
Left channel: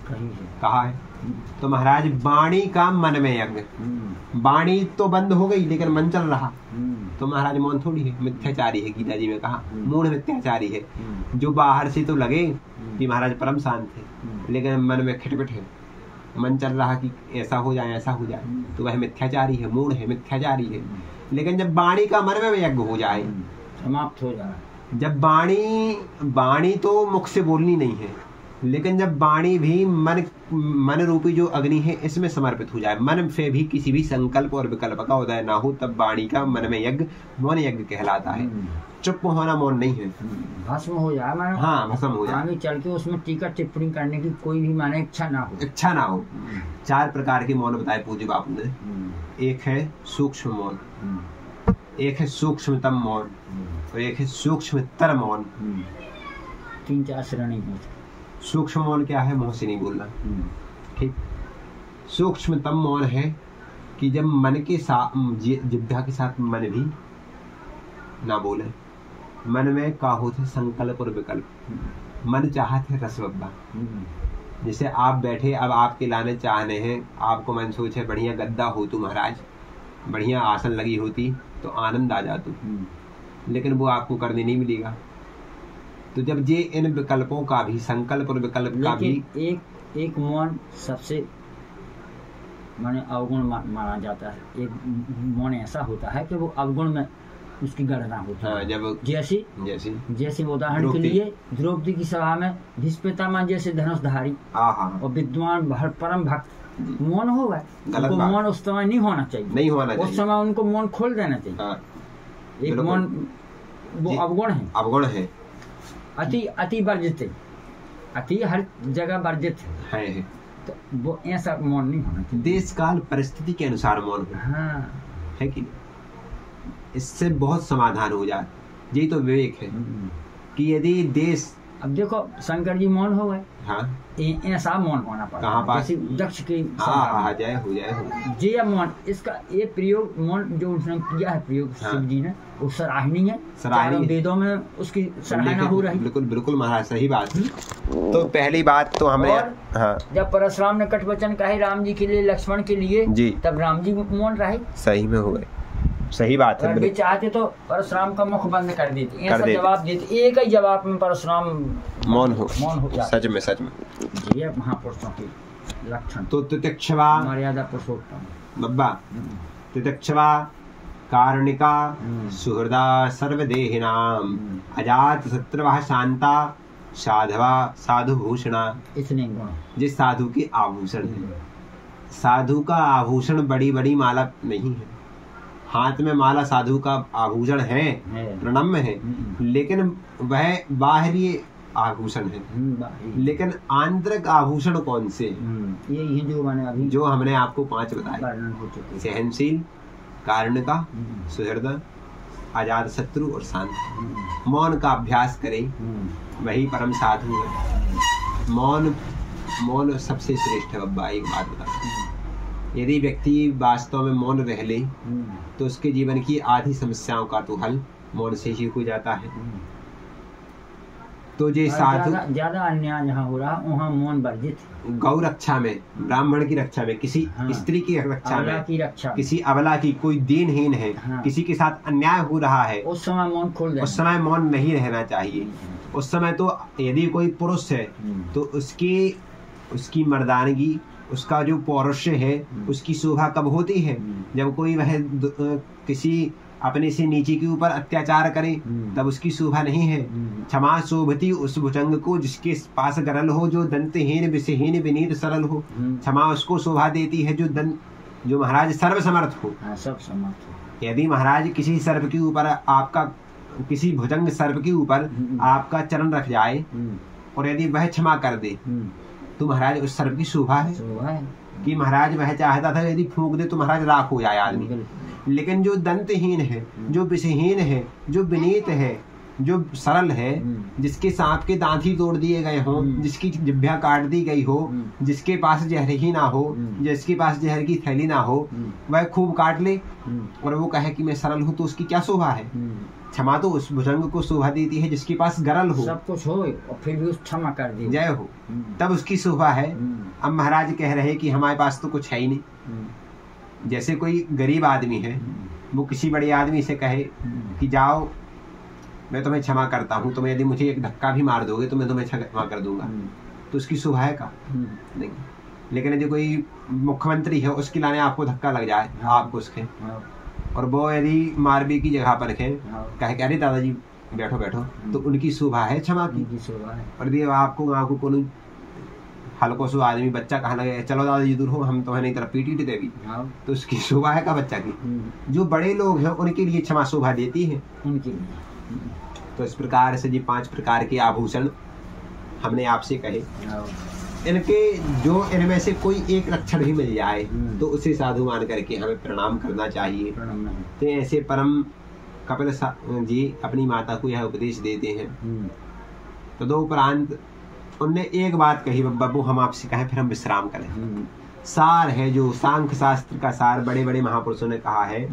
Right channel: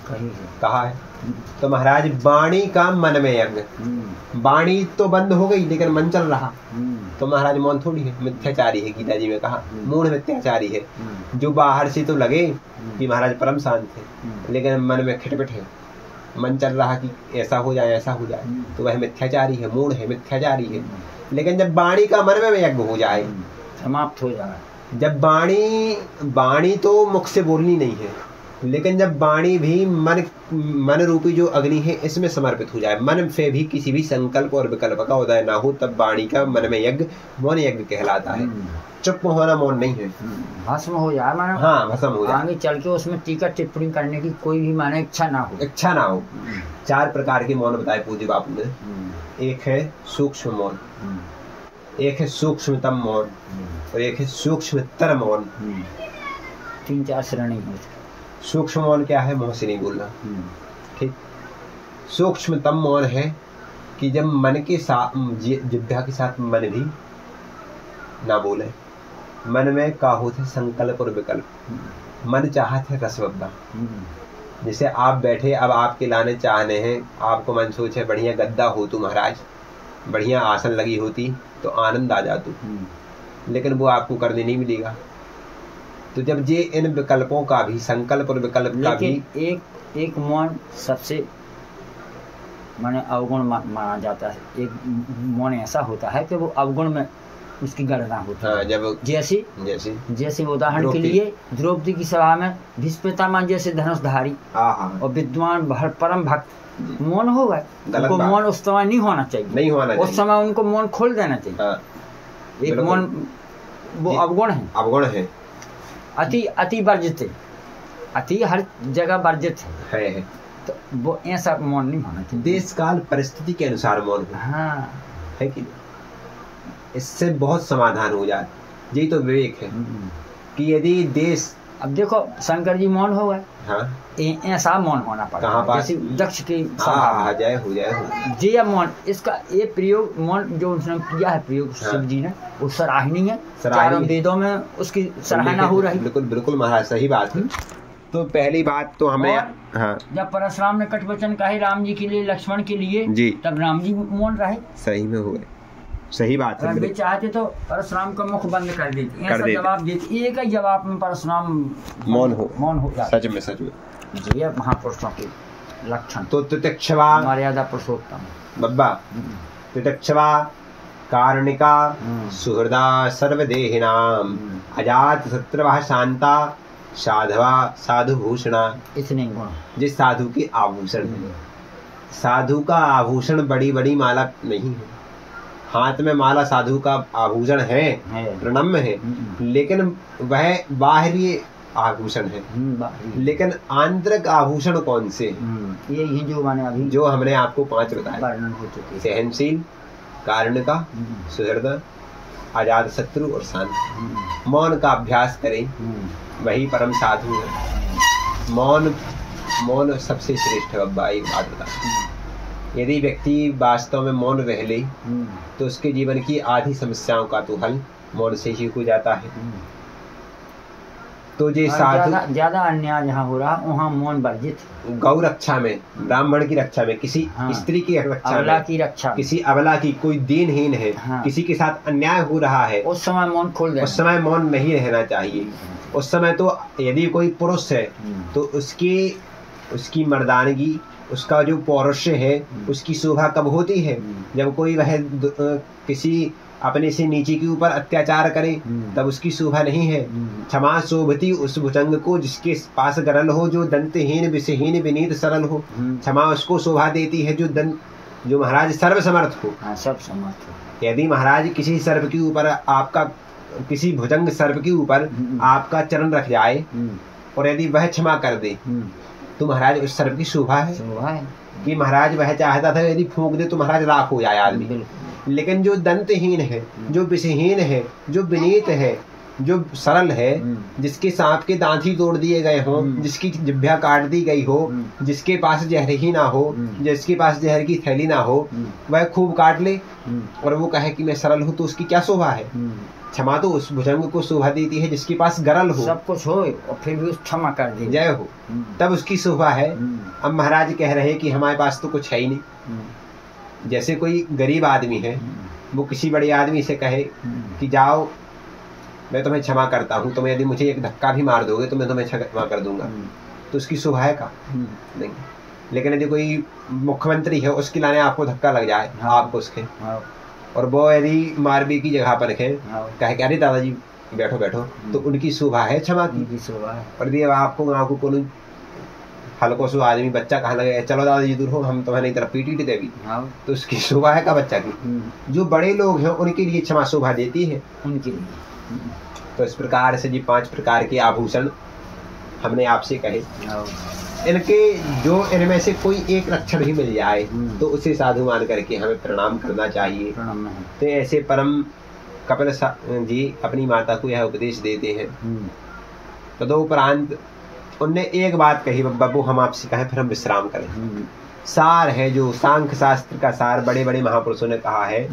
कहा है। तो महाराज वाणी का मन में यज्ञ, वाणी तो बंद हो गई लेकिन मन चल रहा, तो महाराज मौन थोड़ी है, मिथ्याचारी है। गीता जी में कहा मूढ़ मिथ्याचारी है, जो बाहर से तो लगे कि महाराज परम शांत है लेकिन मन में खिटपिट है, मन चल रहा कि ऐसा हो जाए ऐसा हो जाए, तो वह मिथ्याचारी है, मूढ़ है, मिथ्याचारी है। लेकिन जब वाणी का मन में यज्ञ हो जाए, समाप्त हो जाए, जब वाणी तो मुख से बोलनी नहीं है, लेकिन जब वाणी भी मन रूपी जो अग्नि है इसमें समर्पित हो जाए, मन से भी किसी भी संकल्प और विकल्प का उदय ना हो, तब वाणी का मन में यज्ञ मौन यज्ञ कहलाता है। चुप होना मौन नहीं है, भस्म हो जाए मानो। हाँ, भस्म हो जाए, आगे चल के उसमें टीका टिप्पणी करने की कोई भी माने इच्छा ना हो। 4 प्रकार के मौन बताए पूज्य बापू ने। एक है सूक्ष्म मौन, एक है सूक्ष्मतम मौन और एक है सूक्ष्मतर मौन। 3-4 श्रेणी है। सूक्ष्म मौन क्या है? मुंह से नहीं बोलना, ठीक। सूक्ष्मतम मौन है कि जब मन के साथ, जिह्वा के साथ मन भी ना बोले, मन में का होते संकल्प और विकल्प, मन चाहते रसवब्दा। जैसे आप बैठे, अब आपके लाने चाहने हैं, आपको मन सोचे बढ़िया गद्दा हो तो महाराज, बढ़िया आसन लगी होती तो आनंद आ जाता, लेकिन वो आपको करने नहीं मिलेगा। तो जब ये इन विकल्पों का भी, संकल्प और विकल्प का भी, एक मौन सबसे माने अवगुण माना जाता है। एक मौन ऐसा होता है कि वो अवगुण में उसकी गणना होती है। जब जैसे उदाहरण के लिए द्रौपदी की सभा में भीष्म पितामह जैसे धनुषधारी और विद्वान परम भक्त मौन हो गए, उनको मौन उस समय नहीं होना चाहिए, उस समय उनको मौन खोल देना चाहिए। एक मौन वो अवगुण है, अति वर्जित है, अति हर जगह वर्जित है, तो वो ऐसा मौन नहीं होना चाहिए। देश काल परिस्थिति के अनुसार मौन हो, हाँ, है कि इससे बहुत समाधान हो जाए। यही तो विवेक है कि यदि देश, अब देखो शंकर जी मौन हो गए, हाँ, ऐसा मौन होना पड़ता है जैसे दक्ष की सभा हो जाए जी मौन। इसका ये प्रयोग मौन जो उसने किया है प्रयोग शिव जी ने, वो सराहनीय है, चारों वेदों में उसकी सराहना हो रही। बिल्कुल महाराज, सही बात है। तो पहली बात तो हमें, हाँ, जब परशुराम ने कटवचन कहे राम जी के लिए, लक्ष्मण के लिए जी, तब राम जी मौन रहे, सही में हो गए, सही बात है। अगर चाहते तो परशुराम का मुख बंद कर देते, ऐसा जवाब देते, एक ही जवाब में परशुराम मौन हो सच में ये महापुरुषों के लक्षण। तो तितिक्षवा मर्यादा पुरुषोत्तम बब्बा, तितिक्षवा कारुणिका सुहृदा सर्वदेहिनाम अजात शत्रुवः शांता साधवा साधुभूषणा। इतने गुण जिस साधु के आभूषण है। साधु का आभूषण बड़ी बड़ी माला नहीं है, हाथ में माला साधु का आभूषण है, प्रणम्य है, लेकिन वह बाहरी आभूषण है, लेकिन आंतरिक आभूषण कौन से? यही जो मैंने अभी, जो हमने आपको 5 बताए, सहनशील, कारुणिका, सुहृद, आजाद शत्रु और शांत। मौन का अभ्यास करें, वही परम साधु है। मौन सबसे श्रेष्ठ है। अब्बा एक बात बता, यदि व्यक्ति वास्तव में मौन रह ले तो उसके जीवन की आधी समस्याओं का तो हल मौन से ही हो जाता है। तो ये साधु, ज्यादा अन्याय जहाँ हो रहा वहाँ मौन वर्जित। गौ रक्षा में, ब्राह्मण की रक्षा में, किसी स्त्री की रक्षा में, किसी अबला की, कोई दीनहीन है, किसी के साथ अन्याय हो रहा है, उस समय मौन खोल देना, उस समय मौन नहीं रहना चाहिए। उस समय तो यदि कोई पुरुष है तो उसकी मर्दानगी, उसका जो पौरुष है, उसकी शोभा कब होती है? जब कोई वह किसी अपने से नीचे के ऊपर अत्याचार करे, तब उसकी शोभा नहीं है। क्षमा शोभती उस भुजंग को जिसके पास गरल हो, जो दंतहीन विषहीन विनीत सरल हो। क्षमा उसको शोभा देती है जो महाराज सर्वसमर्थ हो। सब समर्थ हो। यदि महाराज किसी सर्प के ऊपर आपका, किसी भुजंग सर्प के ऊपर आपका चरण रख जाए और यदि वह क्षमा कर दे तो महाराज उस सर्प की शोभा है। कि महाराज वह चाहता था यदि फूंक दे तो महाराज राख हो जाए आदमी। लेकिन जो दंतहीन है, जो विषहीन है, जो विनीत है, जो सरल है, जिसके सांप के दांत ही तोड़ दिए गए हो, जिसकी जिह्वा काट दी गई हो, जिसके पास जहर ही ना हो, जिसके पास जहर की थैली ना हो, वह खूब काट ले और वो कहे कि मैं सरल हूँ, तो उसकी क्या शोभा है। क्षमा तो उस भुजंग को शोभा देती है जिसके पास गरल हो, सब कुछ हो और फिर भी उस क्षमा कर दे, जय हो, तब उसकी शोभा है। अब महाराज कह रहे हैं कि हमारे पास तो कुछ है ही नहीं। जैसे कोई गरीब आदमी है, वो किसी बड़े आदमी से कहे कि जाओ मैं तुम्हें क्षमा करता हूँ, तुम्हें यदि मुझे एक धक्का भी मार दोगे तो मैं तुम्हें क्षमा कर दूंगा, तो उसकी शोभा है का नहीं। लेकिन यदि कोई मुख्यमंत्री है, उसके लाने आपको धक्का लग जाए, आपको उसके, और वो यदि मारबी की जगह पर रखे, कहे कि अरे दादाजी बैठो बैठो, तो उनकी शोभा है क्षमा की शोभा है। और यदि आपको आपको कोई हल्को सो आदमी बच्चा कहने लगे चलो दादाजी दूर हो, हम तुम्हें नहीं तरफ पीटी देगी, तो उसकी शोभा है का बच्चा की। जो बड़े लोग हैं उनके लिए क्षमा शोभा देती है, उनके लिए। तो इस प्रकार से जी 5 प्रकार के आभूषण हमने आपसे कहे। इनके जो इनमें से कोई एक लक्षण भी मिल जाए तो उसे साधु मान करके हमें प्रणाम करना चाहिए। तो ऐसे परम कपिल जी अपनी माता को यह उपदेश देते हैं। तदुपरांत उनने एक बात कही, बब्बू हम आपसे कहें फिर हम विश्राम करें। सार है जो सांख्य शास्त्र का सार बड़े बड़े महापुरुषों ने कहा है,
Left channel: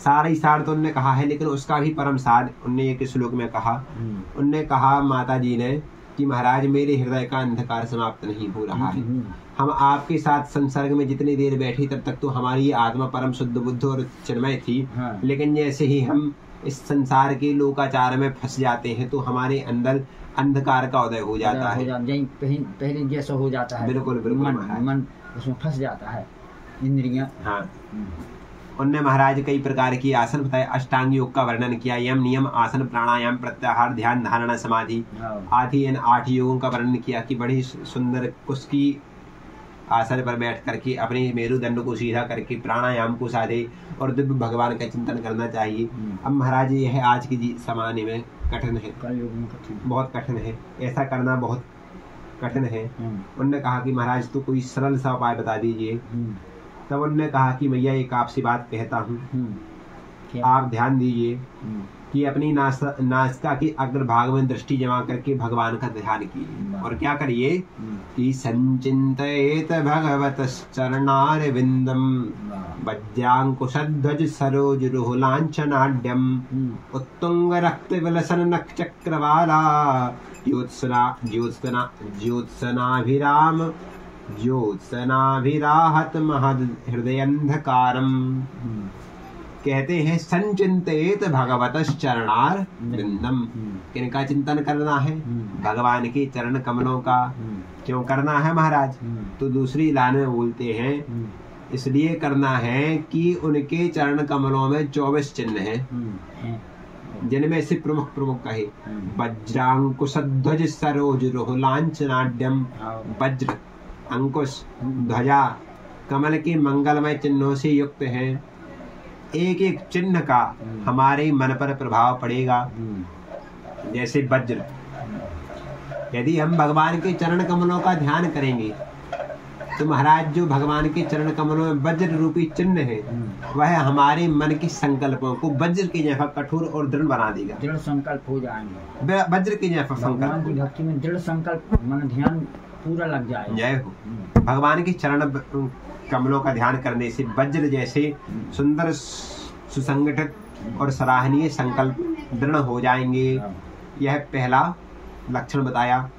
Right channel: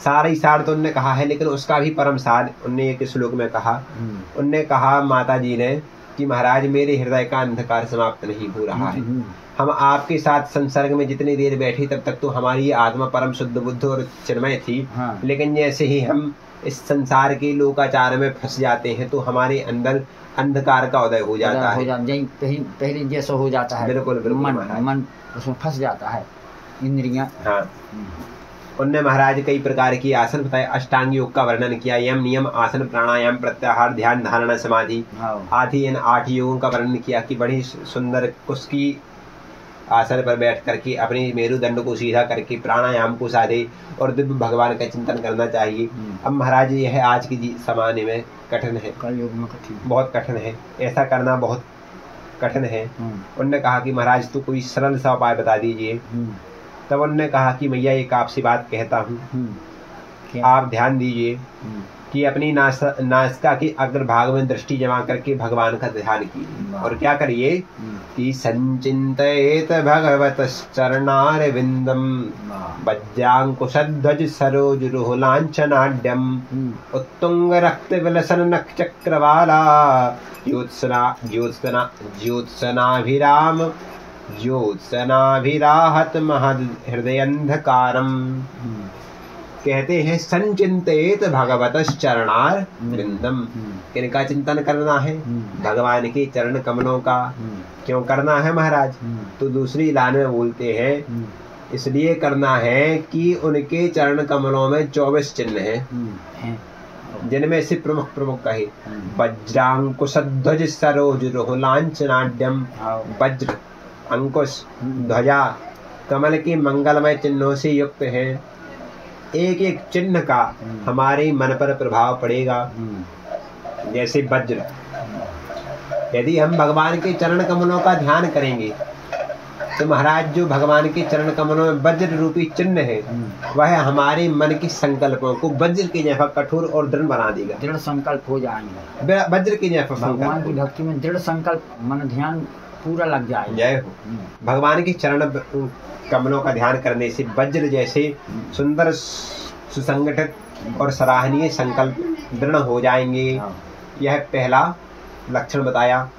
सारा ही सार तो उनने कहा है, लेकिन उसका भी परम सार उनने एक श्लोक में कहा। उनने कहा माता जी ने कि महाराज मेरे हृदय का अंधकार समाप्त नहीं हो रहा है। हम आपके साथ संसर्ग में जितनी देर बैठे तब तक तो हमारी आत्मा परम शुद्ध बुद्ध और चिन्मय थी, लेकिन जैसे ही हम इस संसार के लोकाचार में फंस जाते हैं तो हमारे अंदर अंधकार का उदय हो जाता है, पहले जैसा हो जाता है। बिल्कुल बिल्कुल, मन उसमें फंस जाता है, इंद्रियां। हाँ, उनने महाराज कई प्रकार की आसन बताए, अष्टांग योग का वर्णन किया, यम नियम आसन प्राणायाम प्रत्याहार ध्यान धारणा समाधि आदि इन 8 योगों का वर्णन किया कि बड़ी सुंदर कुस्की आसन पर बैठ करके अपने मेरुदंड को सीधा करके प्राणायाम को साधे और दिव्य भगवान का चिंतन करना चाहिए। अब महाराज यह आज की जमाने में कठिन है, कलयुग में बहुत कठिन है, ऐसा करना बहुत कठिन है। उन्होंने कहा कि महाराज तो कोई सरल सा उपाय बता दीजिए। तब उन्होंने कहा कि मैया एक आपसे बात कहता हूँ, आप ध्यान दीजिए कि अपनी नासिका के अग्रभाग में दृष्टि जमा करके भगवान का ध्यान कीजिए और क्या करिए कि संचिंतयेत भगवतश्चरणारविंदम वज्रांकुशध्वज सरोज रुहुलांछनाढ्यम उत्तुंग रक्त विलसन नख चक्रवाला ज्योत्सनाभिराहत महद हृदयंधकारम। कहते हैं संचिंतित भगवतश्चरणार वृंदम, किनका चिंतन करना है? भगवान के चरण कमलों का। क्यों करना है महाराज? तो दूसरी लाइन में बोलते हैं इसलिए करना है कि उनके चरण कमलों में 24 चिन्ह हैं, जिनमें से प्रमुख प्रमुख कहे वज्रांकुशध्वज सरोज रुहुलांछनाढ्यम। वज्र, अंकुश, ध्वजा कमल के मंगलमय चिन्हों से युक्त हैं। एक एक चिन्ह का हमारे मन पर प्रभाव पड़ेगा। जैसे वज्र, यदि हम भगवान के चरण कमलों का ध्यान करेंगे तो महाराज जो भगवान के चरण कमलों में वज्र रूपी चिन्ह है वह हमारे मन के संकल्पों को वज्र के जैसा कठोर और दृढ़ बना देगा। दृढ़ संकल्प हो जाएंगे, वज्र के जैसा भगवान की भक्ति में दृढ़ संकल्प, मन ध्यान पूरा लग जाएगा। जय हो। भगवान के चरण कमलों का ध्यान करने से वज्र जैसे सुंदर सुसंगठित और सराहनीय संकल्प दृढ़ हो जाएंगे। यह पहला लक्षण बताया।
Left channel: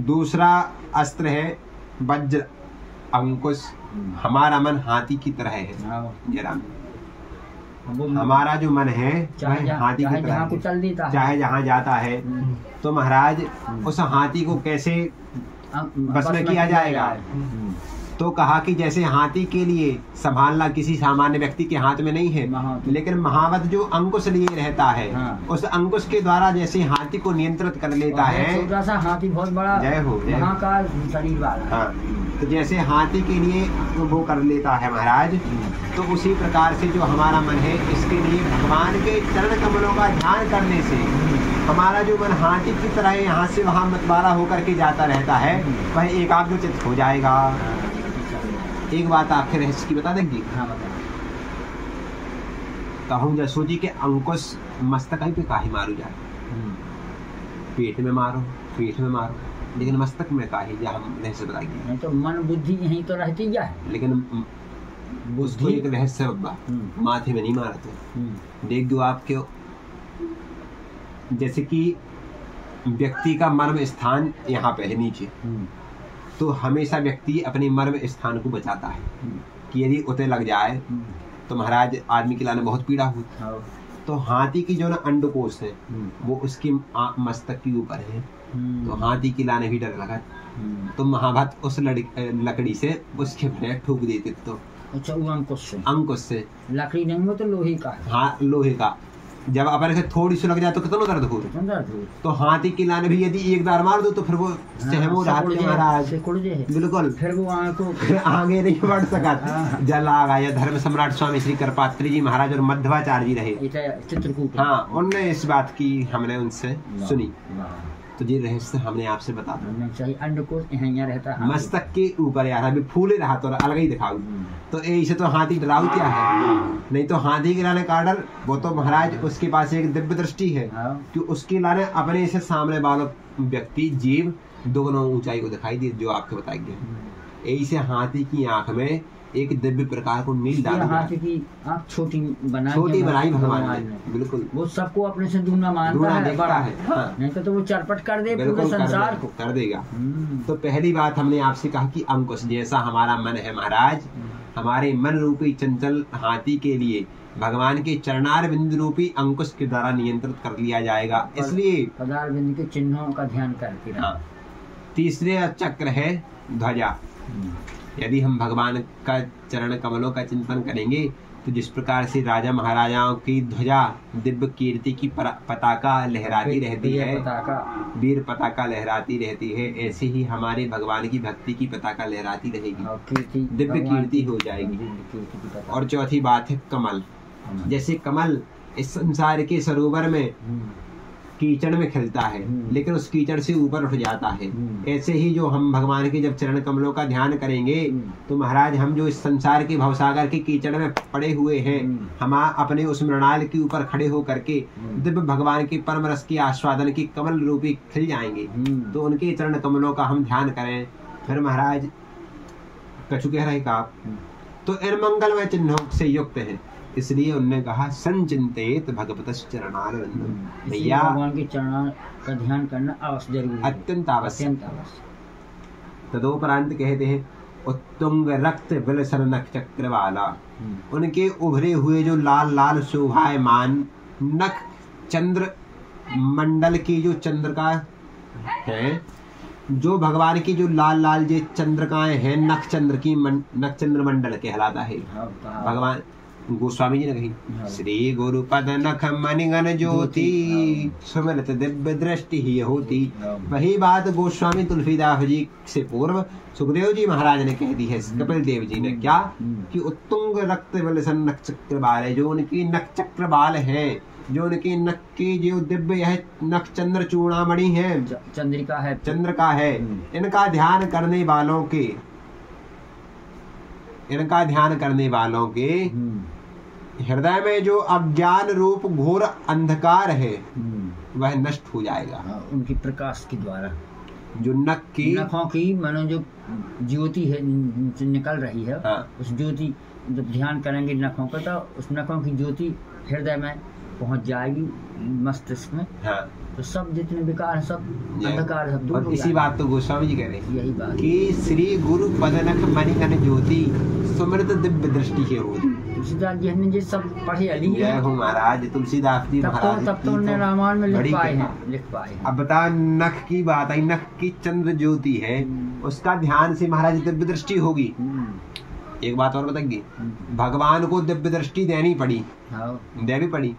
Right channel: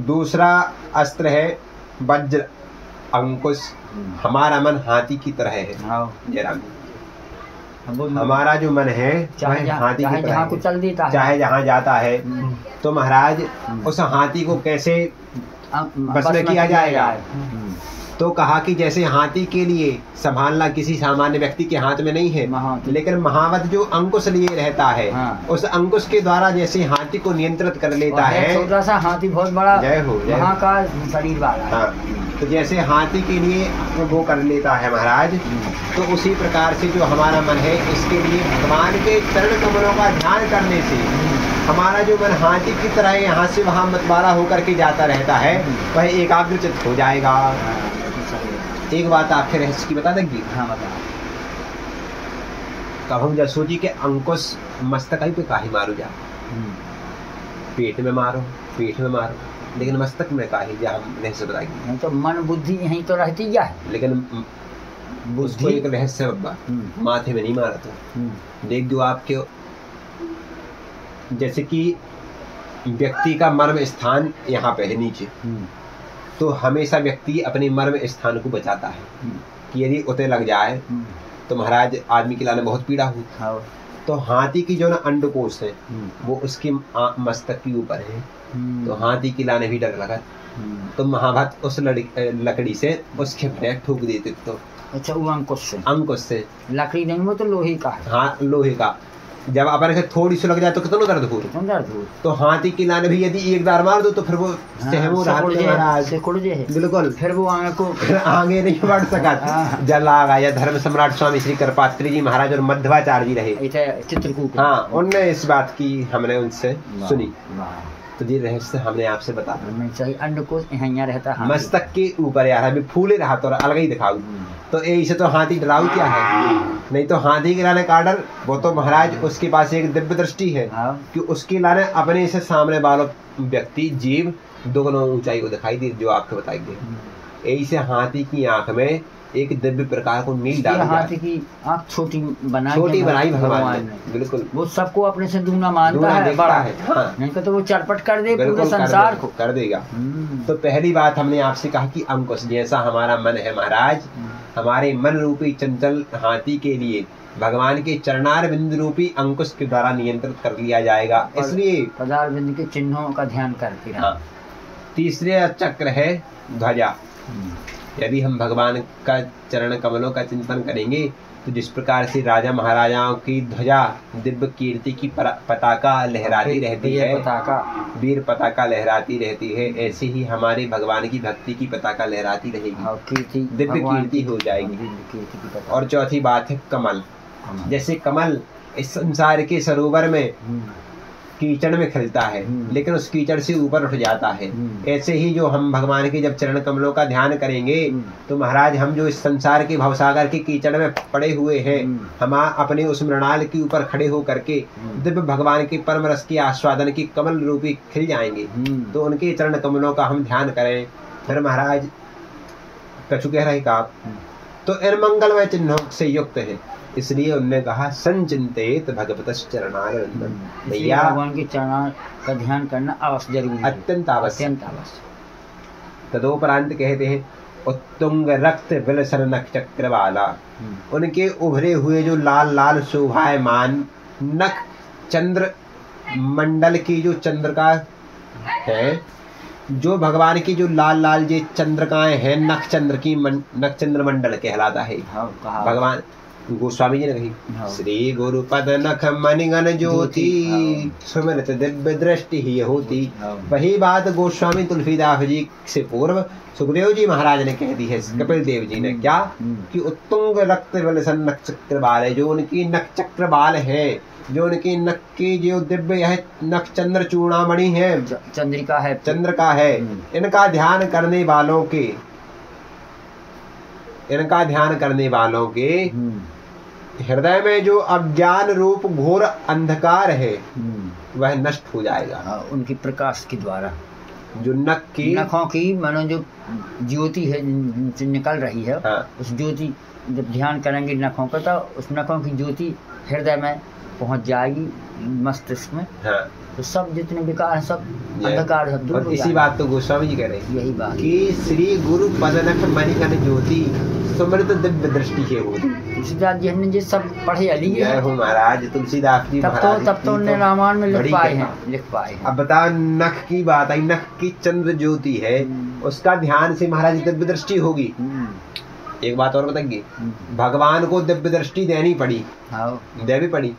दूसरा अस्त्र है वज्र अंकुश। हमारा मन हाथी की तरह है। जरा हमारा जो मन है वह हाथी की तरह है, चाहे जहाँ जाता है। तो महाराज उस हाथी को कैसे बस में किया जाएगा? तो कहा कि जैसे हाथी के लिए संभालना किसी सामान्य व्यक्ति के हाथ में नहीं है, लेकिन महावत जो अंकुश लिए रहता है उस अंकुश के द्वारा जैसे हाथी को नियंत्रित कर लेता है। छोटा सा हाथी बहुत बड़ा, जय हो, वहाँ का शरीर वाला। तो जैसे हाथी के लिए वो कर लेता है महाराज, तो उसी प्रकार से जो हमारा मन है इसके लिए भगवान के चरण कमलों का ध्यान करने से हमारा जो मन हाथी की तरह यहाँ से वहाँ मतवारा होकर के जाता रहता है, वह एकाग्रचित्त हो जाएगा। एक बात आपके रहस्य की बता देंगी। हाँ बता। कहूँ जसो जी के अंकुश मस्तक पे काहे मारू जा, पेट में मारो, पेट में मारो, लेकिन मस्तक में काहे जा, हम रहस्य बताएंगे। तो मन बुद्धि यहीं तो रहती जा, लेकिन उसको एक रहस्य बब्बा, माथे में नहीं मारा तो देख दो आपके, जैसे कि व्यक्ति का मर्म स्थान यहाँ पे है नीचे, तो हमेशा व्यक्ति अपने मर्म स्थान को बचाता है कि यदि उते लग जाए तो महाराज आदमी के लाने बहुत पीड़ा हुई। तो हाथी की जो ना अंडकोश है वो उसके मस्तक के ऊपर है, तो हाथी की लाने भी डर लगा, तो महाभक्त उस लकड़ी से उसके पैर ठोक देते। तो अच्छा, वो अंकुश से लकड़ी नहीं, वो तो लोहे का। हाँ लोहे का, जब अपन के थोड़ी सी लग जाए तो कितना दर्द हो, तो हाथी की लाने भी यदि एक बार मार दो तो फिर वो सहमो बिल्कुल, फिर वो आगे नहीं बढ़ सका। जल आ गया। धर्म सम्राट स्वामी श्री कृपात्री जी महाराज और मध्वाचार्य जी रहे चित्रकूट, हाँ उनने इस बात की हमने उनसे सुनी, तो ये रहस्य हमने आपसे बता अंडकोश यहाँ रहता है मस्तक के ऊपर यार, अभी फूले रहा तो अलग ही दिखाऊ, तो ऐसे तो हाथी डराऊ क्या है, नहीं तो हाथी के लाने का डर, वो तो महाराज उसके पास एक दिव्य दृष्टि है कि उसके लाने अपने से सामने वालों व्यक्ति जीव दोनों ऊंचाई को दिखाई दे, जो आपको बताएंगे। ऐसे हाथी की आंख में एक दिव्य प्रकार को नील डाल, हाथी की आंख छोटी बनाई भगवान ने, बिल्कुल वो सबको अपने से दूना मानता है, बड़ा है। हाँ। नहीं तो वो चरपट कर दे पूरे संसार को, कर देगा। तो पहली बात हमने आपसे कहा कि अंकुश जैसा हमारा मन है महाराज, हमारे मन रूपी चंचल हाथी के लिए भगवान के चरणार बिंद रूपी अंकुश के द्वारा नियंत्रित कर लिया जाएगा। इसलिए पदार बिंद के चिन्हों का ध्यान करते हैं। तीसरे चक्र है ध्वजा। यदि हम भगवान का चरण कमलों का चिंतन करेंगे तो जिस प्रकार से राजा महाराजाओं की ध्वजा दिव्य कीर्ति की पताका लहराती रहती है, वीर पताका लहराती रहती है, ऐसे ही हमारे भगवान की भक्ति की पताका लहराती रहेगी, दिव्य कीर्ति हो जाएगी। और चौथी बात है कमल। जैसे कमल इस संसार के सरोवर में कीचड़ में खिलता है लेकिन उस कीचड़ से ऊपर उठ जाता है, ऐसे ही जो हम भगवान के जब चरण कमलों का ध्यान करेंगे तो महाराज हम जो इस संसार के भवसागर के कीचड़ में पड़े हुए हैं, हम अपने उस मृणाल के ऊपर खड़े हो करके दिव्य भगवान के परम रस के आस्वादन की कमल रूपी खिल जाएंगे। तो उनके चरण कमलों का हम ध्यान करें। फिर महाराज कछु कह रहे का तो इन मंगलमय चिन्हों से युक्त है, इसलिए उन्होंने कहा संचिंतित भगवत चरणारविंदम, भैया भगवान के चरण का ध्यान करना आवश्यक, जरूरी, अत्यंत आवश्यक। तदोपरांत कहते हैं उत्तुंग रक्त विलसन नख चक्र वाला, उनके उभरे हुए जो लाल लाल शोभायमान नख चंद्र मंडल की जो चंद्रिका है, जो भगवान की जो लाल लाल जे चंद्रिकाएं हैं नख चंद्र मंडल कहलाता है। भगवान गोस्वामी जी ने कही श्री गुरु पद नख मणिगण ज्योति सुमृत दिव्य दृष्टि ही होती। वही बात गोस्वामी तुलसीदास जी से पूर्व सुखदेव जी महाराज ने कह दी है कपिल देव जी ने, क्या कि उत्तुंग रक्त विलसन नख चक्र बाल है, जो उनकी नख चक्र बाल है, जो उनके नख की जो दिव्य है नख चंद्र चूड़ामणि है, चंद्र का है, इनका ध्यान करने वालों के हृदय में जो अज्ञान रूप घोर अंधकार है वह नष्ट हो जाएगा उनकी प्रकाश के द्वारा। जो नखों की मानो जो ज्योति है निकल रही है, उस ज्योति जब ध्यान करेंगे नखों का तो उस नखों की ज्योति हृदय में पहुंच जाएगी, मस्तिष्क में। तो सब जितने विकार हैं सब अंधकार सब दूर हो इसी बात तो गोस्वामी जी कह रहे हैं, यही बात कि श्री गुरु पदनख मणिगण ज्योति समृद्ध दिव्य दृष्टि है वो। तुलसीदास जी ने जो सब पढ़े अली है महाराज तुलसीदास जी तब तो उन्होंने रामायण में लिख पाए हैं। अब बताओ नख की बात आई, नख की चंद्र ज्योति है, उसका ध्यान से महाराज दिव्य दृष्टि होगी। एक बात और बताएंगे, भगवान को दिव्य दृष्टि देनी पड़ी, देवी पड़ी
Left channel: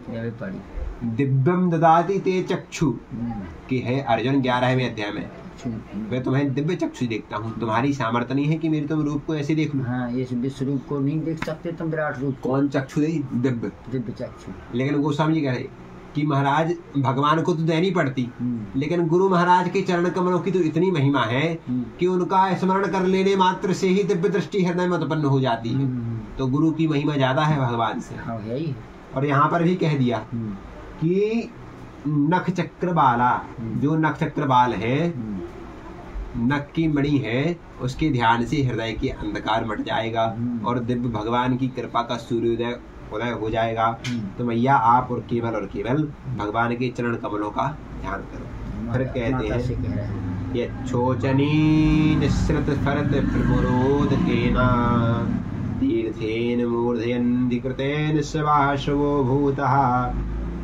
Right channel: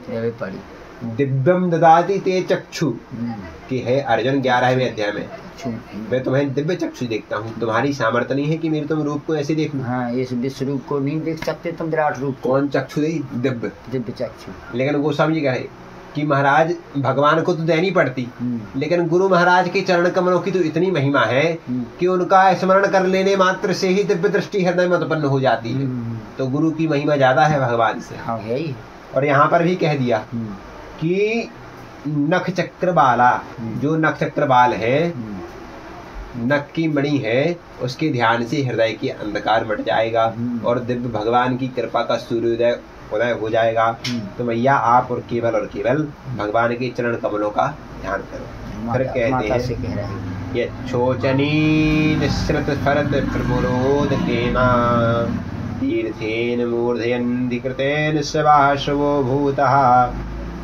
दिव्यम ददाति ते चक्षु कि है अर्जुन 11वें अध्याय में, मैं तुम्हें दिव्य चक्षु देखता हूँ, तुम्हारी सामर्थ्य नहीं है कि मेरे तुम रूप को ऐसे देख लो। हाँ, इस विश्व रूप को नहीं देख सकते तुम विराट रूप को। कौन चक्षु दे? दिव्य चक्षु। लेकिन गोस्वामी जी कहे कि महाराज भगवान को तो देनी पड़ती, लेकिन गुरु महाराज के चरण कमलों की तो इतनी महिमा है कि उनका स्मरण कर लेने मात्र से ही दिव्य दृष्टि हृदय में उत्पन्न हो जाती है। तो गुरु की महिमा ज्यादा है भगवान से। हाँ है ही। और यहाँ पर भी कह दिया कि नख चक्र बाला, जो नख चक्र बाल है, नख की मणि है, उसके ध्यान से हृदय की अंधकार मिट जाएगा और दिव्य भगवान की कृपा का सूर्योदय उदय हो जाएगा। तो मैया आप और केवल भगवान के चरण कमलों का ध्यान करो। फिर कहते हैं ये छोचनी निस्सृत फरत प्रमुरोद केना तीर्थेन मूर्धयन्धिकृतेन सवाशवो भूतः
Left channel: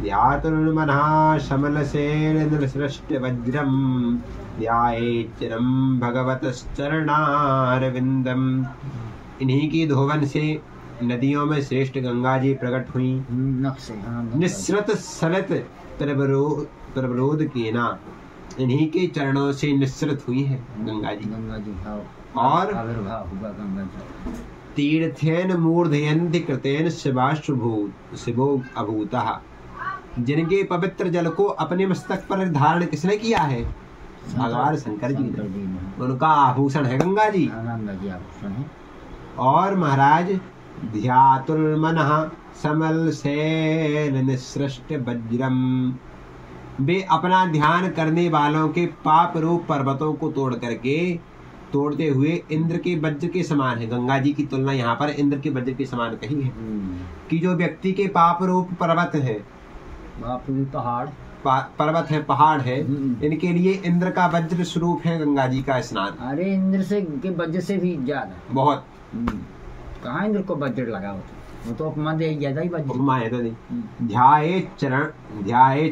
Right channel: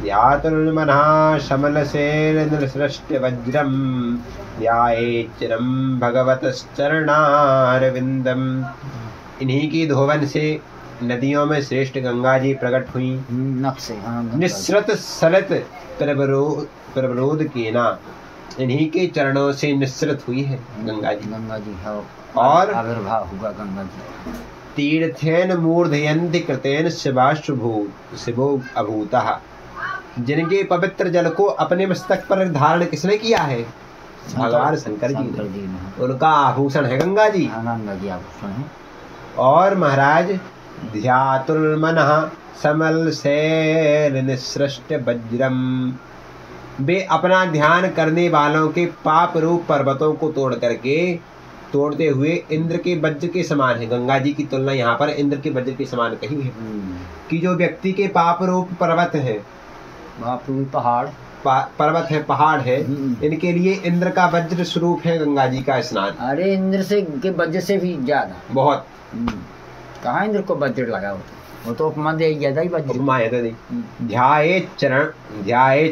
ध्यातुर्मनः शमलसेन निसृष्ट वज्रं ध्यायेच्चिरं भगवतश्चरणारविन्दम्। इन्हीं की धोवन से नदियों में श्रेष्ठ गंगा जी प्रकट हुई। निस्सृत सलित प्रवरोध केना, इन्हीं के चरणों से निस्सृत हुई है गंगा जी। और आविर्भाव हुआ गंगा जी। तीर्थेन मूर्धयन्ति कृतेन शिवो अभूतः, जिनके पवित्र जल को अपने मस्तक पर धारण किसने किया है? भगवान शंकर जी ने। उनका आभूषण है गंगा जी। और महाराज ध्यातुर्मनः समल शैल निसृष्ट वज्रम, वे अपना ध्यान करने वालों के पाप रूप पर्वतों को तोड़ते हुए इंद्र के वज्र के समान है। गंगा जी की तुलना यहाँ पर इंद्र के वज्र के समान कही है कि जो व्यक्ति के पाप रूप पर्वत है, पर्वत है, पहाड़ है, इनके लिए इंद्र का वज्र स्वरूप है गंगा जी का स्नान। अरे इंद्र से के वज्र से भी ज्यादा बहुत। कहाँ इंद्र को वज्र लगा वो तो उपमा दे ज्यादा ही वज्र। उपमा है तो ध्याये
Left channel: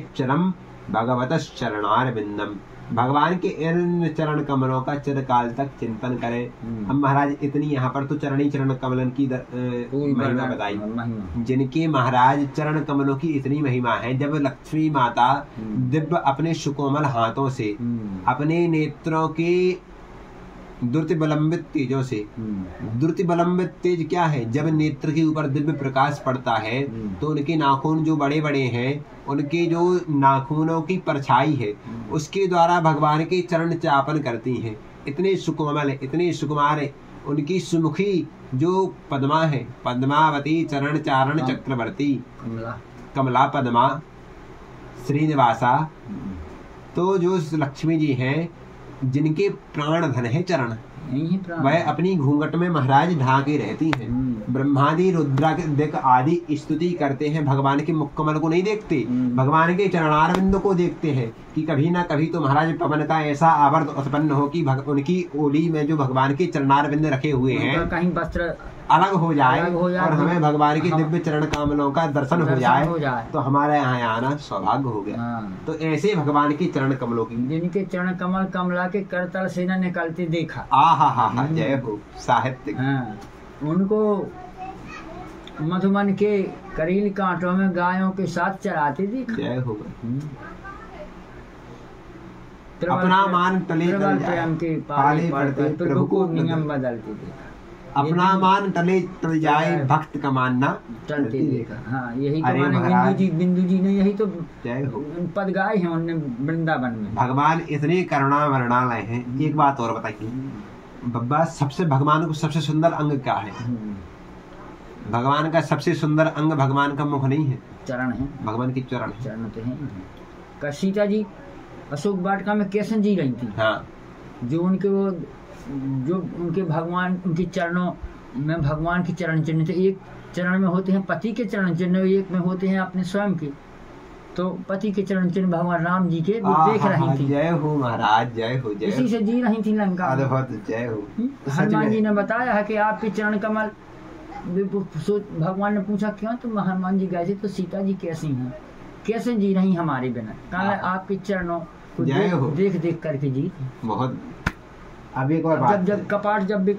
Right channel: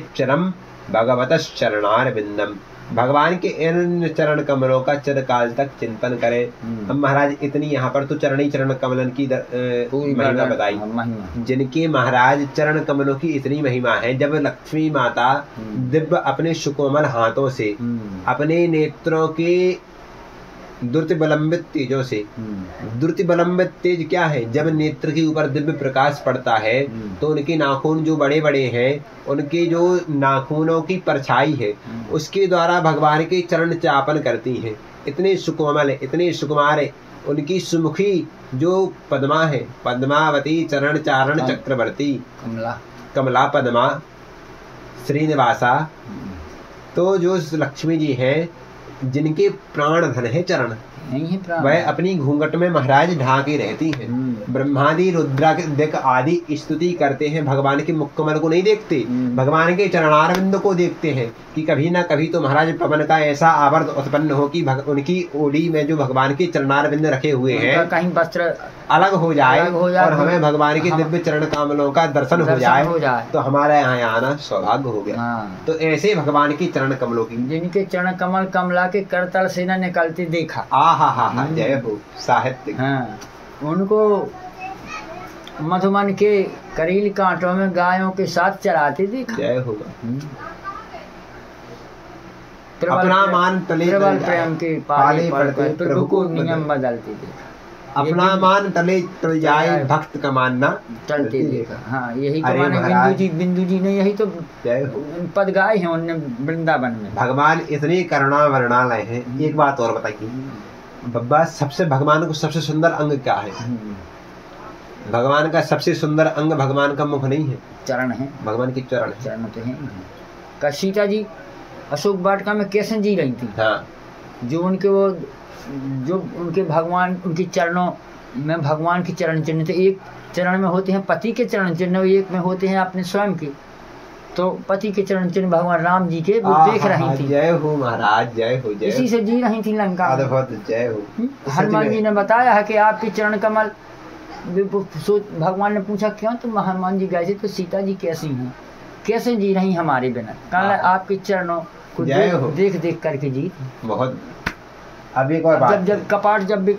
चरम भगवतश्चरणारविंदम, भगवान के इन चरण कमलों का चिरकाल तक चिंतन करें। अब महाराज इतनी यहाँ पर तो चरण कमलन की महिमा बताई, जिनके महाराज चरण कमलों की इतनी महिमा है। जब लक्ष्मी माता दिव्य अपने सुकोमल हाथों से अपने नेत्रों के द्रुत विलंबित तेजों से, द्रुत विलंबित तेज क्या है? जब नेत्र के ऊपर दिव्य प्रकाश पड़ता है तो उनके नाखून जो बड़े बड़े हैं, उनके जो नाखूनों की परछाई है, उसके द्वारा भगवान के चरण चापन करती हैं। इतने सुकोमल है, इतने सुकुमार है। उनकी सुमुखी जो पद्मा है, पद्मावती चरण चारण चक्रवर्ती, कमला पद्मा श्रीनिवासा, तो जो लक्ष्मी जी हैं, जिनके प्राण धन है चरण, वह अपनी घूंघट में महाराज ढाके रहती है। ब्रह्मादि रुद्रादिक आदि स्तुति करते हैं, भगवान के मुखकमल को नहीं देखते, भगवान के चरणारविंद को देखते हैं कि कभी ना कभी तो महाराज पवन का ऐसा आवर्त उत्पन्न हो कि उनकी ओली में जो भगवान के चरणारविंद रखे हुए हैं कहीं वस्त्र अलग हो जाए और हमें भगवान के दिव्य चरण कमलों का दर्शन हो जाए तो हमारे यहाँ आना सौभाग्य हो गया। तो ऐसे भगवान के चरण कमलों की, जिनके चरण कमल कमला के करतल से न निकलते देखा। हा जय हो साहित्य। उनको मधुमन के करील कांटों में गायों के साथ चराते देखा। जय होगा। अपना मान तले प्रेम के पाले पड़ते प्रभु को नियम बदलते देखा। अपना मान तले तल जाए भक्त का मानना चलते देखा। हाँ यही तो माने बिंदु जी ने यही तो पद गाए हैं उनने वृंदावन में। भगवान इतने करुणा वर्णालय हैं। एक बात और बताइए बब्बा, सबसे भगवान को सबसे सुंदर अंग क्या है? भगवान का सबसे सुंदर अंग भगवान का मुख नहीं है, चरण है। भगवान के चरण तो है। सीता जी अशोक वाटिका में कैसे जी रही थी। हाँ। जो उनके भगवान, उनके चरणों में भगवान के चरण चिन्ह थे। एक चरण में होते हैं पति के चरण चिन्ह, एक में होते हैं अपने स्वयं के। तो पति के चरण चिन्ह भगवान राम जी के वो देख रही थी। जय हो महाराज, जय हो। जय इसी से जी रही थी लंका। जय हो। हनुमान जी ने बताया है कि आपके चरण कमल, भगवान ने पूछा क्यों तुम हनुमान जी गए थे तो सीता जी कैसी हैं, कैसे जी रही हमारे बिना? कहा आपके चरणों को देख देख करके जी। बहुत। अब एक और बात, जब कपाट, जब भी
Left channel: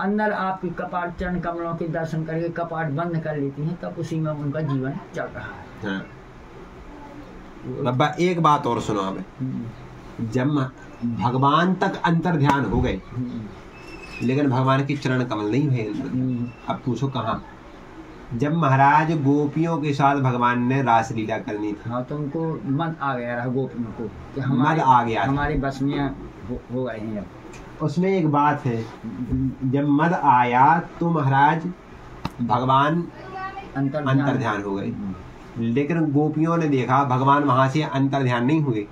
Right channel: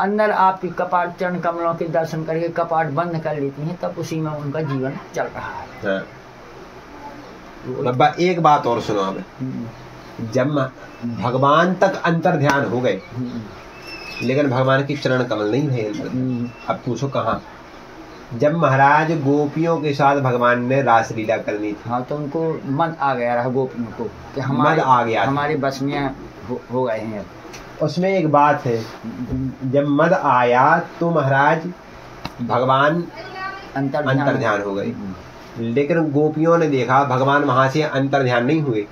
अंदर आपकी कपाट चरण कमलों के दर्शन करके कपाट बंद कर लेती हैं, तब उसी में उनका जीवन चल रहा है। बाबा एक बात और सुनो। अब जब भगवान तक अंतर ध्यान हो गए लेकिन भगवान की चरण कमल नहीं है, अब पूछो कहाँ? जब महाराज गोपियों के साथ भगवान ने रासलीला करनी थी, हाँ, तो उनको मन आ गया रहा गोपियों को कि हमारे मन आ गया, हमारे बस में हो गए हैं। उसमें एक बात है, जब मद आया तो महाराज भगवान अंतर ध्यान हो गए। लेकिन गोपियों ने देखा भगवान वहां से अंतर ध्यान नहीं हुए।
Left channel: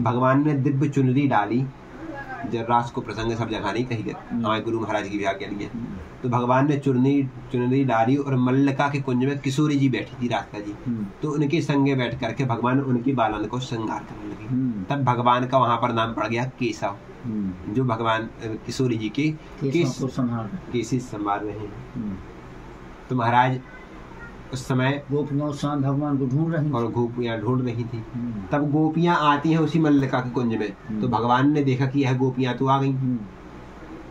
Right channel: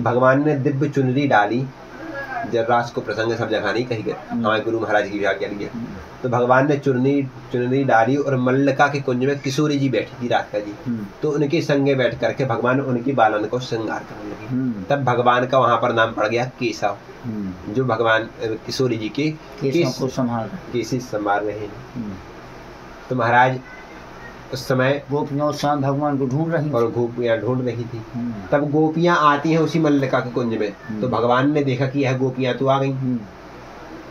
भगवान ने दिव्य चुनरी डाली, जर्रास को प्रसंग सब जगह नहीं कही गया, हमारे गुरु महाराज की आज्ञा लिया। तो भगवान ने चुनरी डाली और मल्लिका के कुंज में किशोरी जी बैठी थी, राधिका जी, तो उनके संगे बैठ करके भगवान उनकी बालन को श्रृंगार करने लगे। तब भगवान का वहां पर नाम पड़ गया केशव, जो भगवान किशोरी जी के केसी संभाल रहे हैं। तो महाराज उस समय गोपियां उस समय भगवान को ढूंढ रही और गोपियां ढूंढ रही थी। तब गोपियां आती है उसी मल्लिका के कुंज में, तो भगवान ने देखा कि यह गोपियां तो आ गई,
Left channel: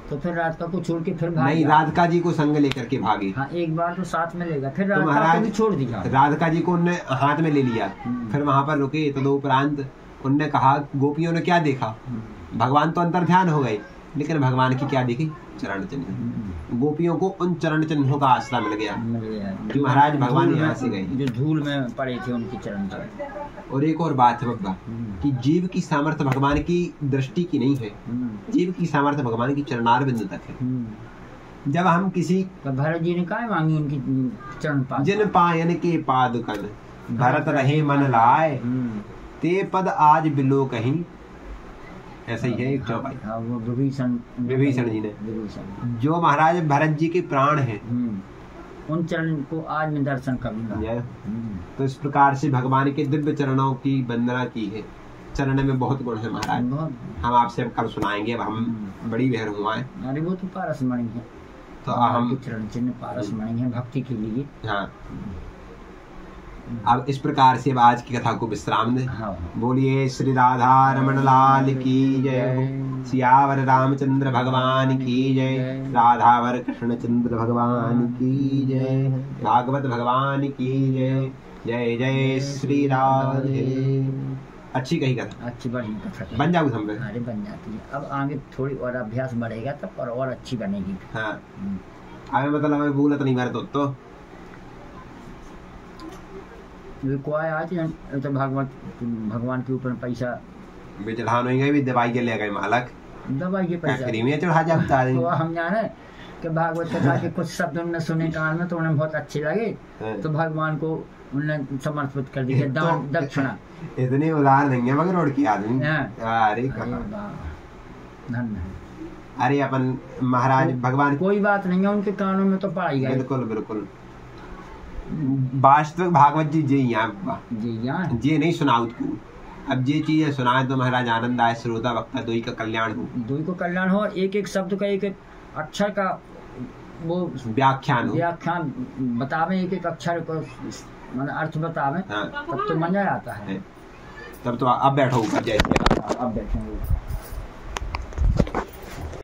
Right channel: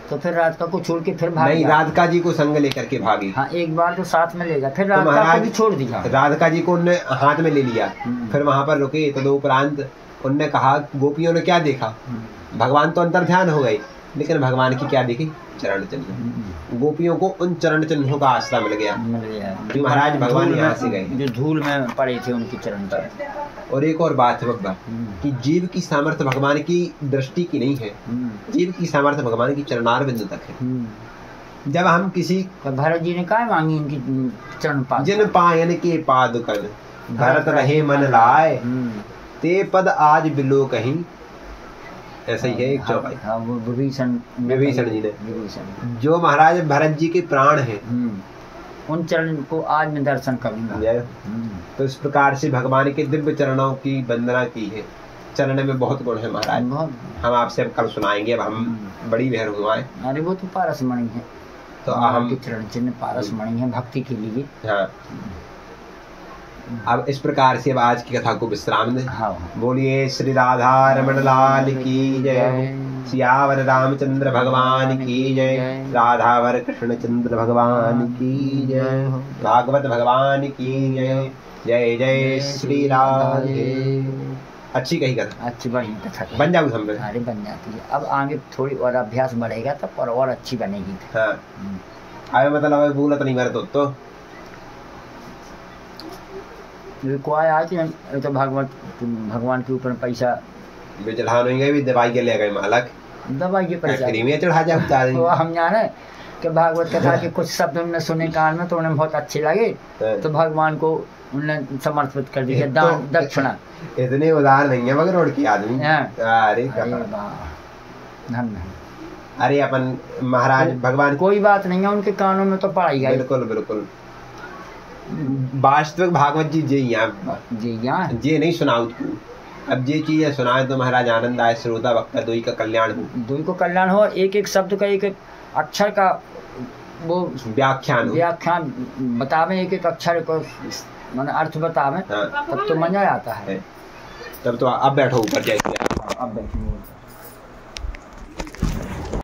तो फिर राधिका को छोड़ के फिर भाग नहीं, राधिका जी को संग लेकर के भागी। हाँ, एक बार तो साथ में लेगा, फिर राधिका को भी छोड़ दिया। राधिका जी को उनने हाथ में ले लिया, फिर वहां पर रुके। तदुपरांत उनने कहा, गोपियों ने क्या देखा, भगवान तो अंतर ध्यान हो गए, लेकिन भगवान की क्या देखी, चरण चिन्ह। गोपियों को उन चरण चिन्हों का आश्रय मिल गया जो महाराज भगवान यहाँ से गए, जो धूल में पड़े थे उनके चरण पर। और एक और बात है बब्बा, कि जीव की सामर्थ्य भगवान की दृष्टि की नहीं है, जीव की सामर्थ्य भगवान की चरणार बिंदु तक है। जब हम किसी, भरत जी ने क्या मांगी उनकी चरण पाद, जिन पायन के पादुकन भरत रहे मन लाए, ते पद आज बिलो कहीं, ऐसा ही है एक चौपाई। हाँ, वो विभीषण जी ने, जो महाराज भरत जी के प्राण है, उन चरण को आज मैं दर्शन करूंगा। तो इस प्रकार से भगवान के दिव्य चरणों की वंदना की है। चरण में बहुत गुण है महाराज, हम आपसे अब कल सुनाएंगे। अब हम बड़ी लहर हुआ है। अरे वो तो पारसमणि है, तो हम चरण चिन्ह पारसमणि है भक्ति के लिए। हाँ, अब इस प्रकार से अब आज की कथा को विश्राम दें। बोलिए श्री राधा रमण लाल की जय, सियावर रामचंद्र भगवान की जय, राधावर कृष्णचंद्र भगवान की जय, भागवत भगवान की जय। जय जय श्री राधे। अच्छी कही कथा, अच्छी बड़ी कथा बन जाऊँ हम। अरे बन जाती है। अब आगे थोड़ी और अभ्यास बढ़ेगा तब और अच्छी बनेगी। हाँ, अरे मतलब भूलत नहीं मेरे तो तो भगवान के ऊपर पैसा चढ़ा नहीं गए, दवाई के ले गए मालक, दवाई के पैसा फ्री में चढ़ा जाए। तो हम जाने कि भागवत कथा के कुछ शब्द उन्होंने सुने कान में, तो उन्हें बहुत अच्छे लगे, तो भगवान को उन्होंने समर्पित कर दिया दान दक्षिणा। इतने उदार नहीं है मगर रोड की आदमी। अरे अरे अपन महाराज भगवान, कोई बात नहीं है, उनके कानों में तो पड़ा ही गया। बिल्कुल बिल्कुल, वास्तविक भागवत जी जे जे नहीं सुनाओ तू। अब ये चीजें सुनाए तो महाराज आनंद आए, श्रोता वक्ता दोई का कल्याण हो, दोई को कल्याण हो। एक एक शब्द का, एक एक अक्षर का वो व्याख्यान बतावे, एक एक अक्षर को माने अर्थ बतावे। तब तो मजा आता है। तब तो अब बैठो ऊपर, जैसे अब बैठेंगे।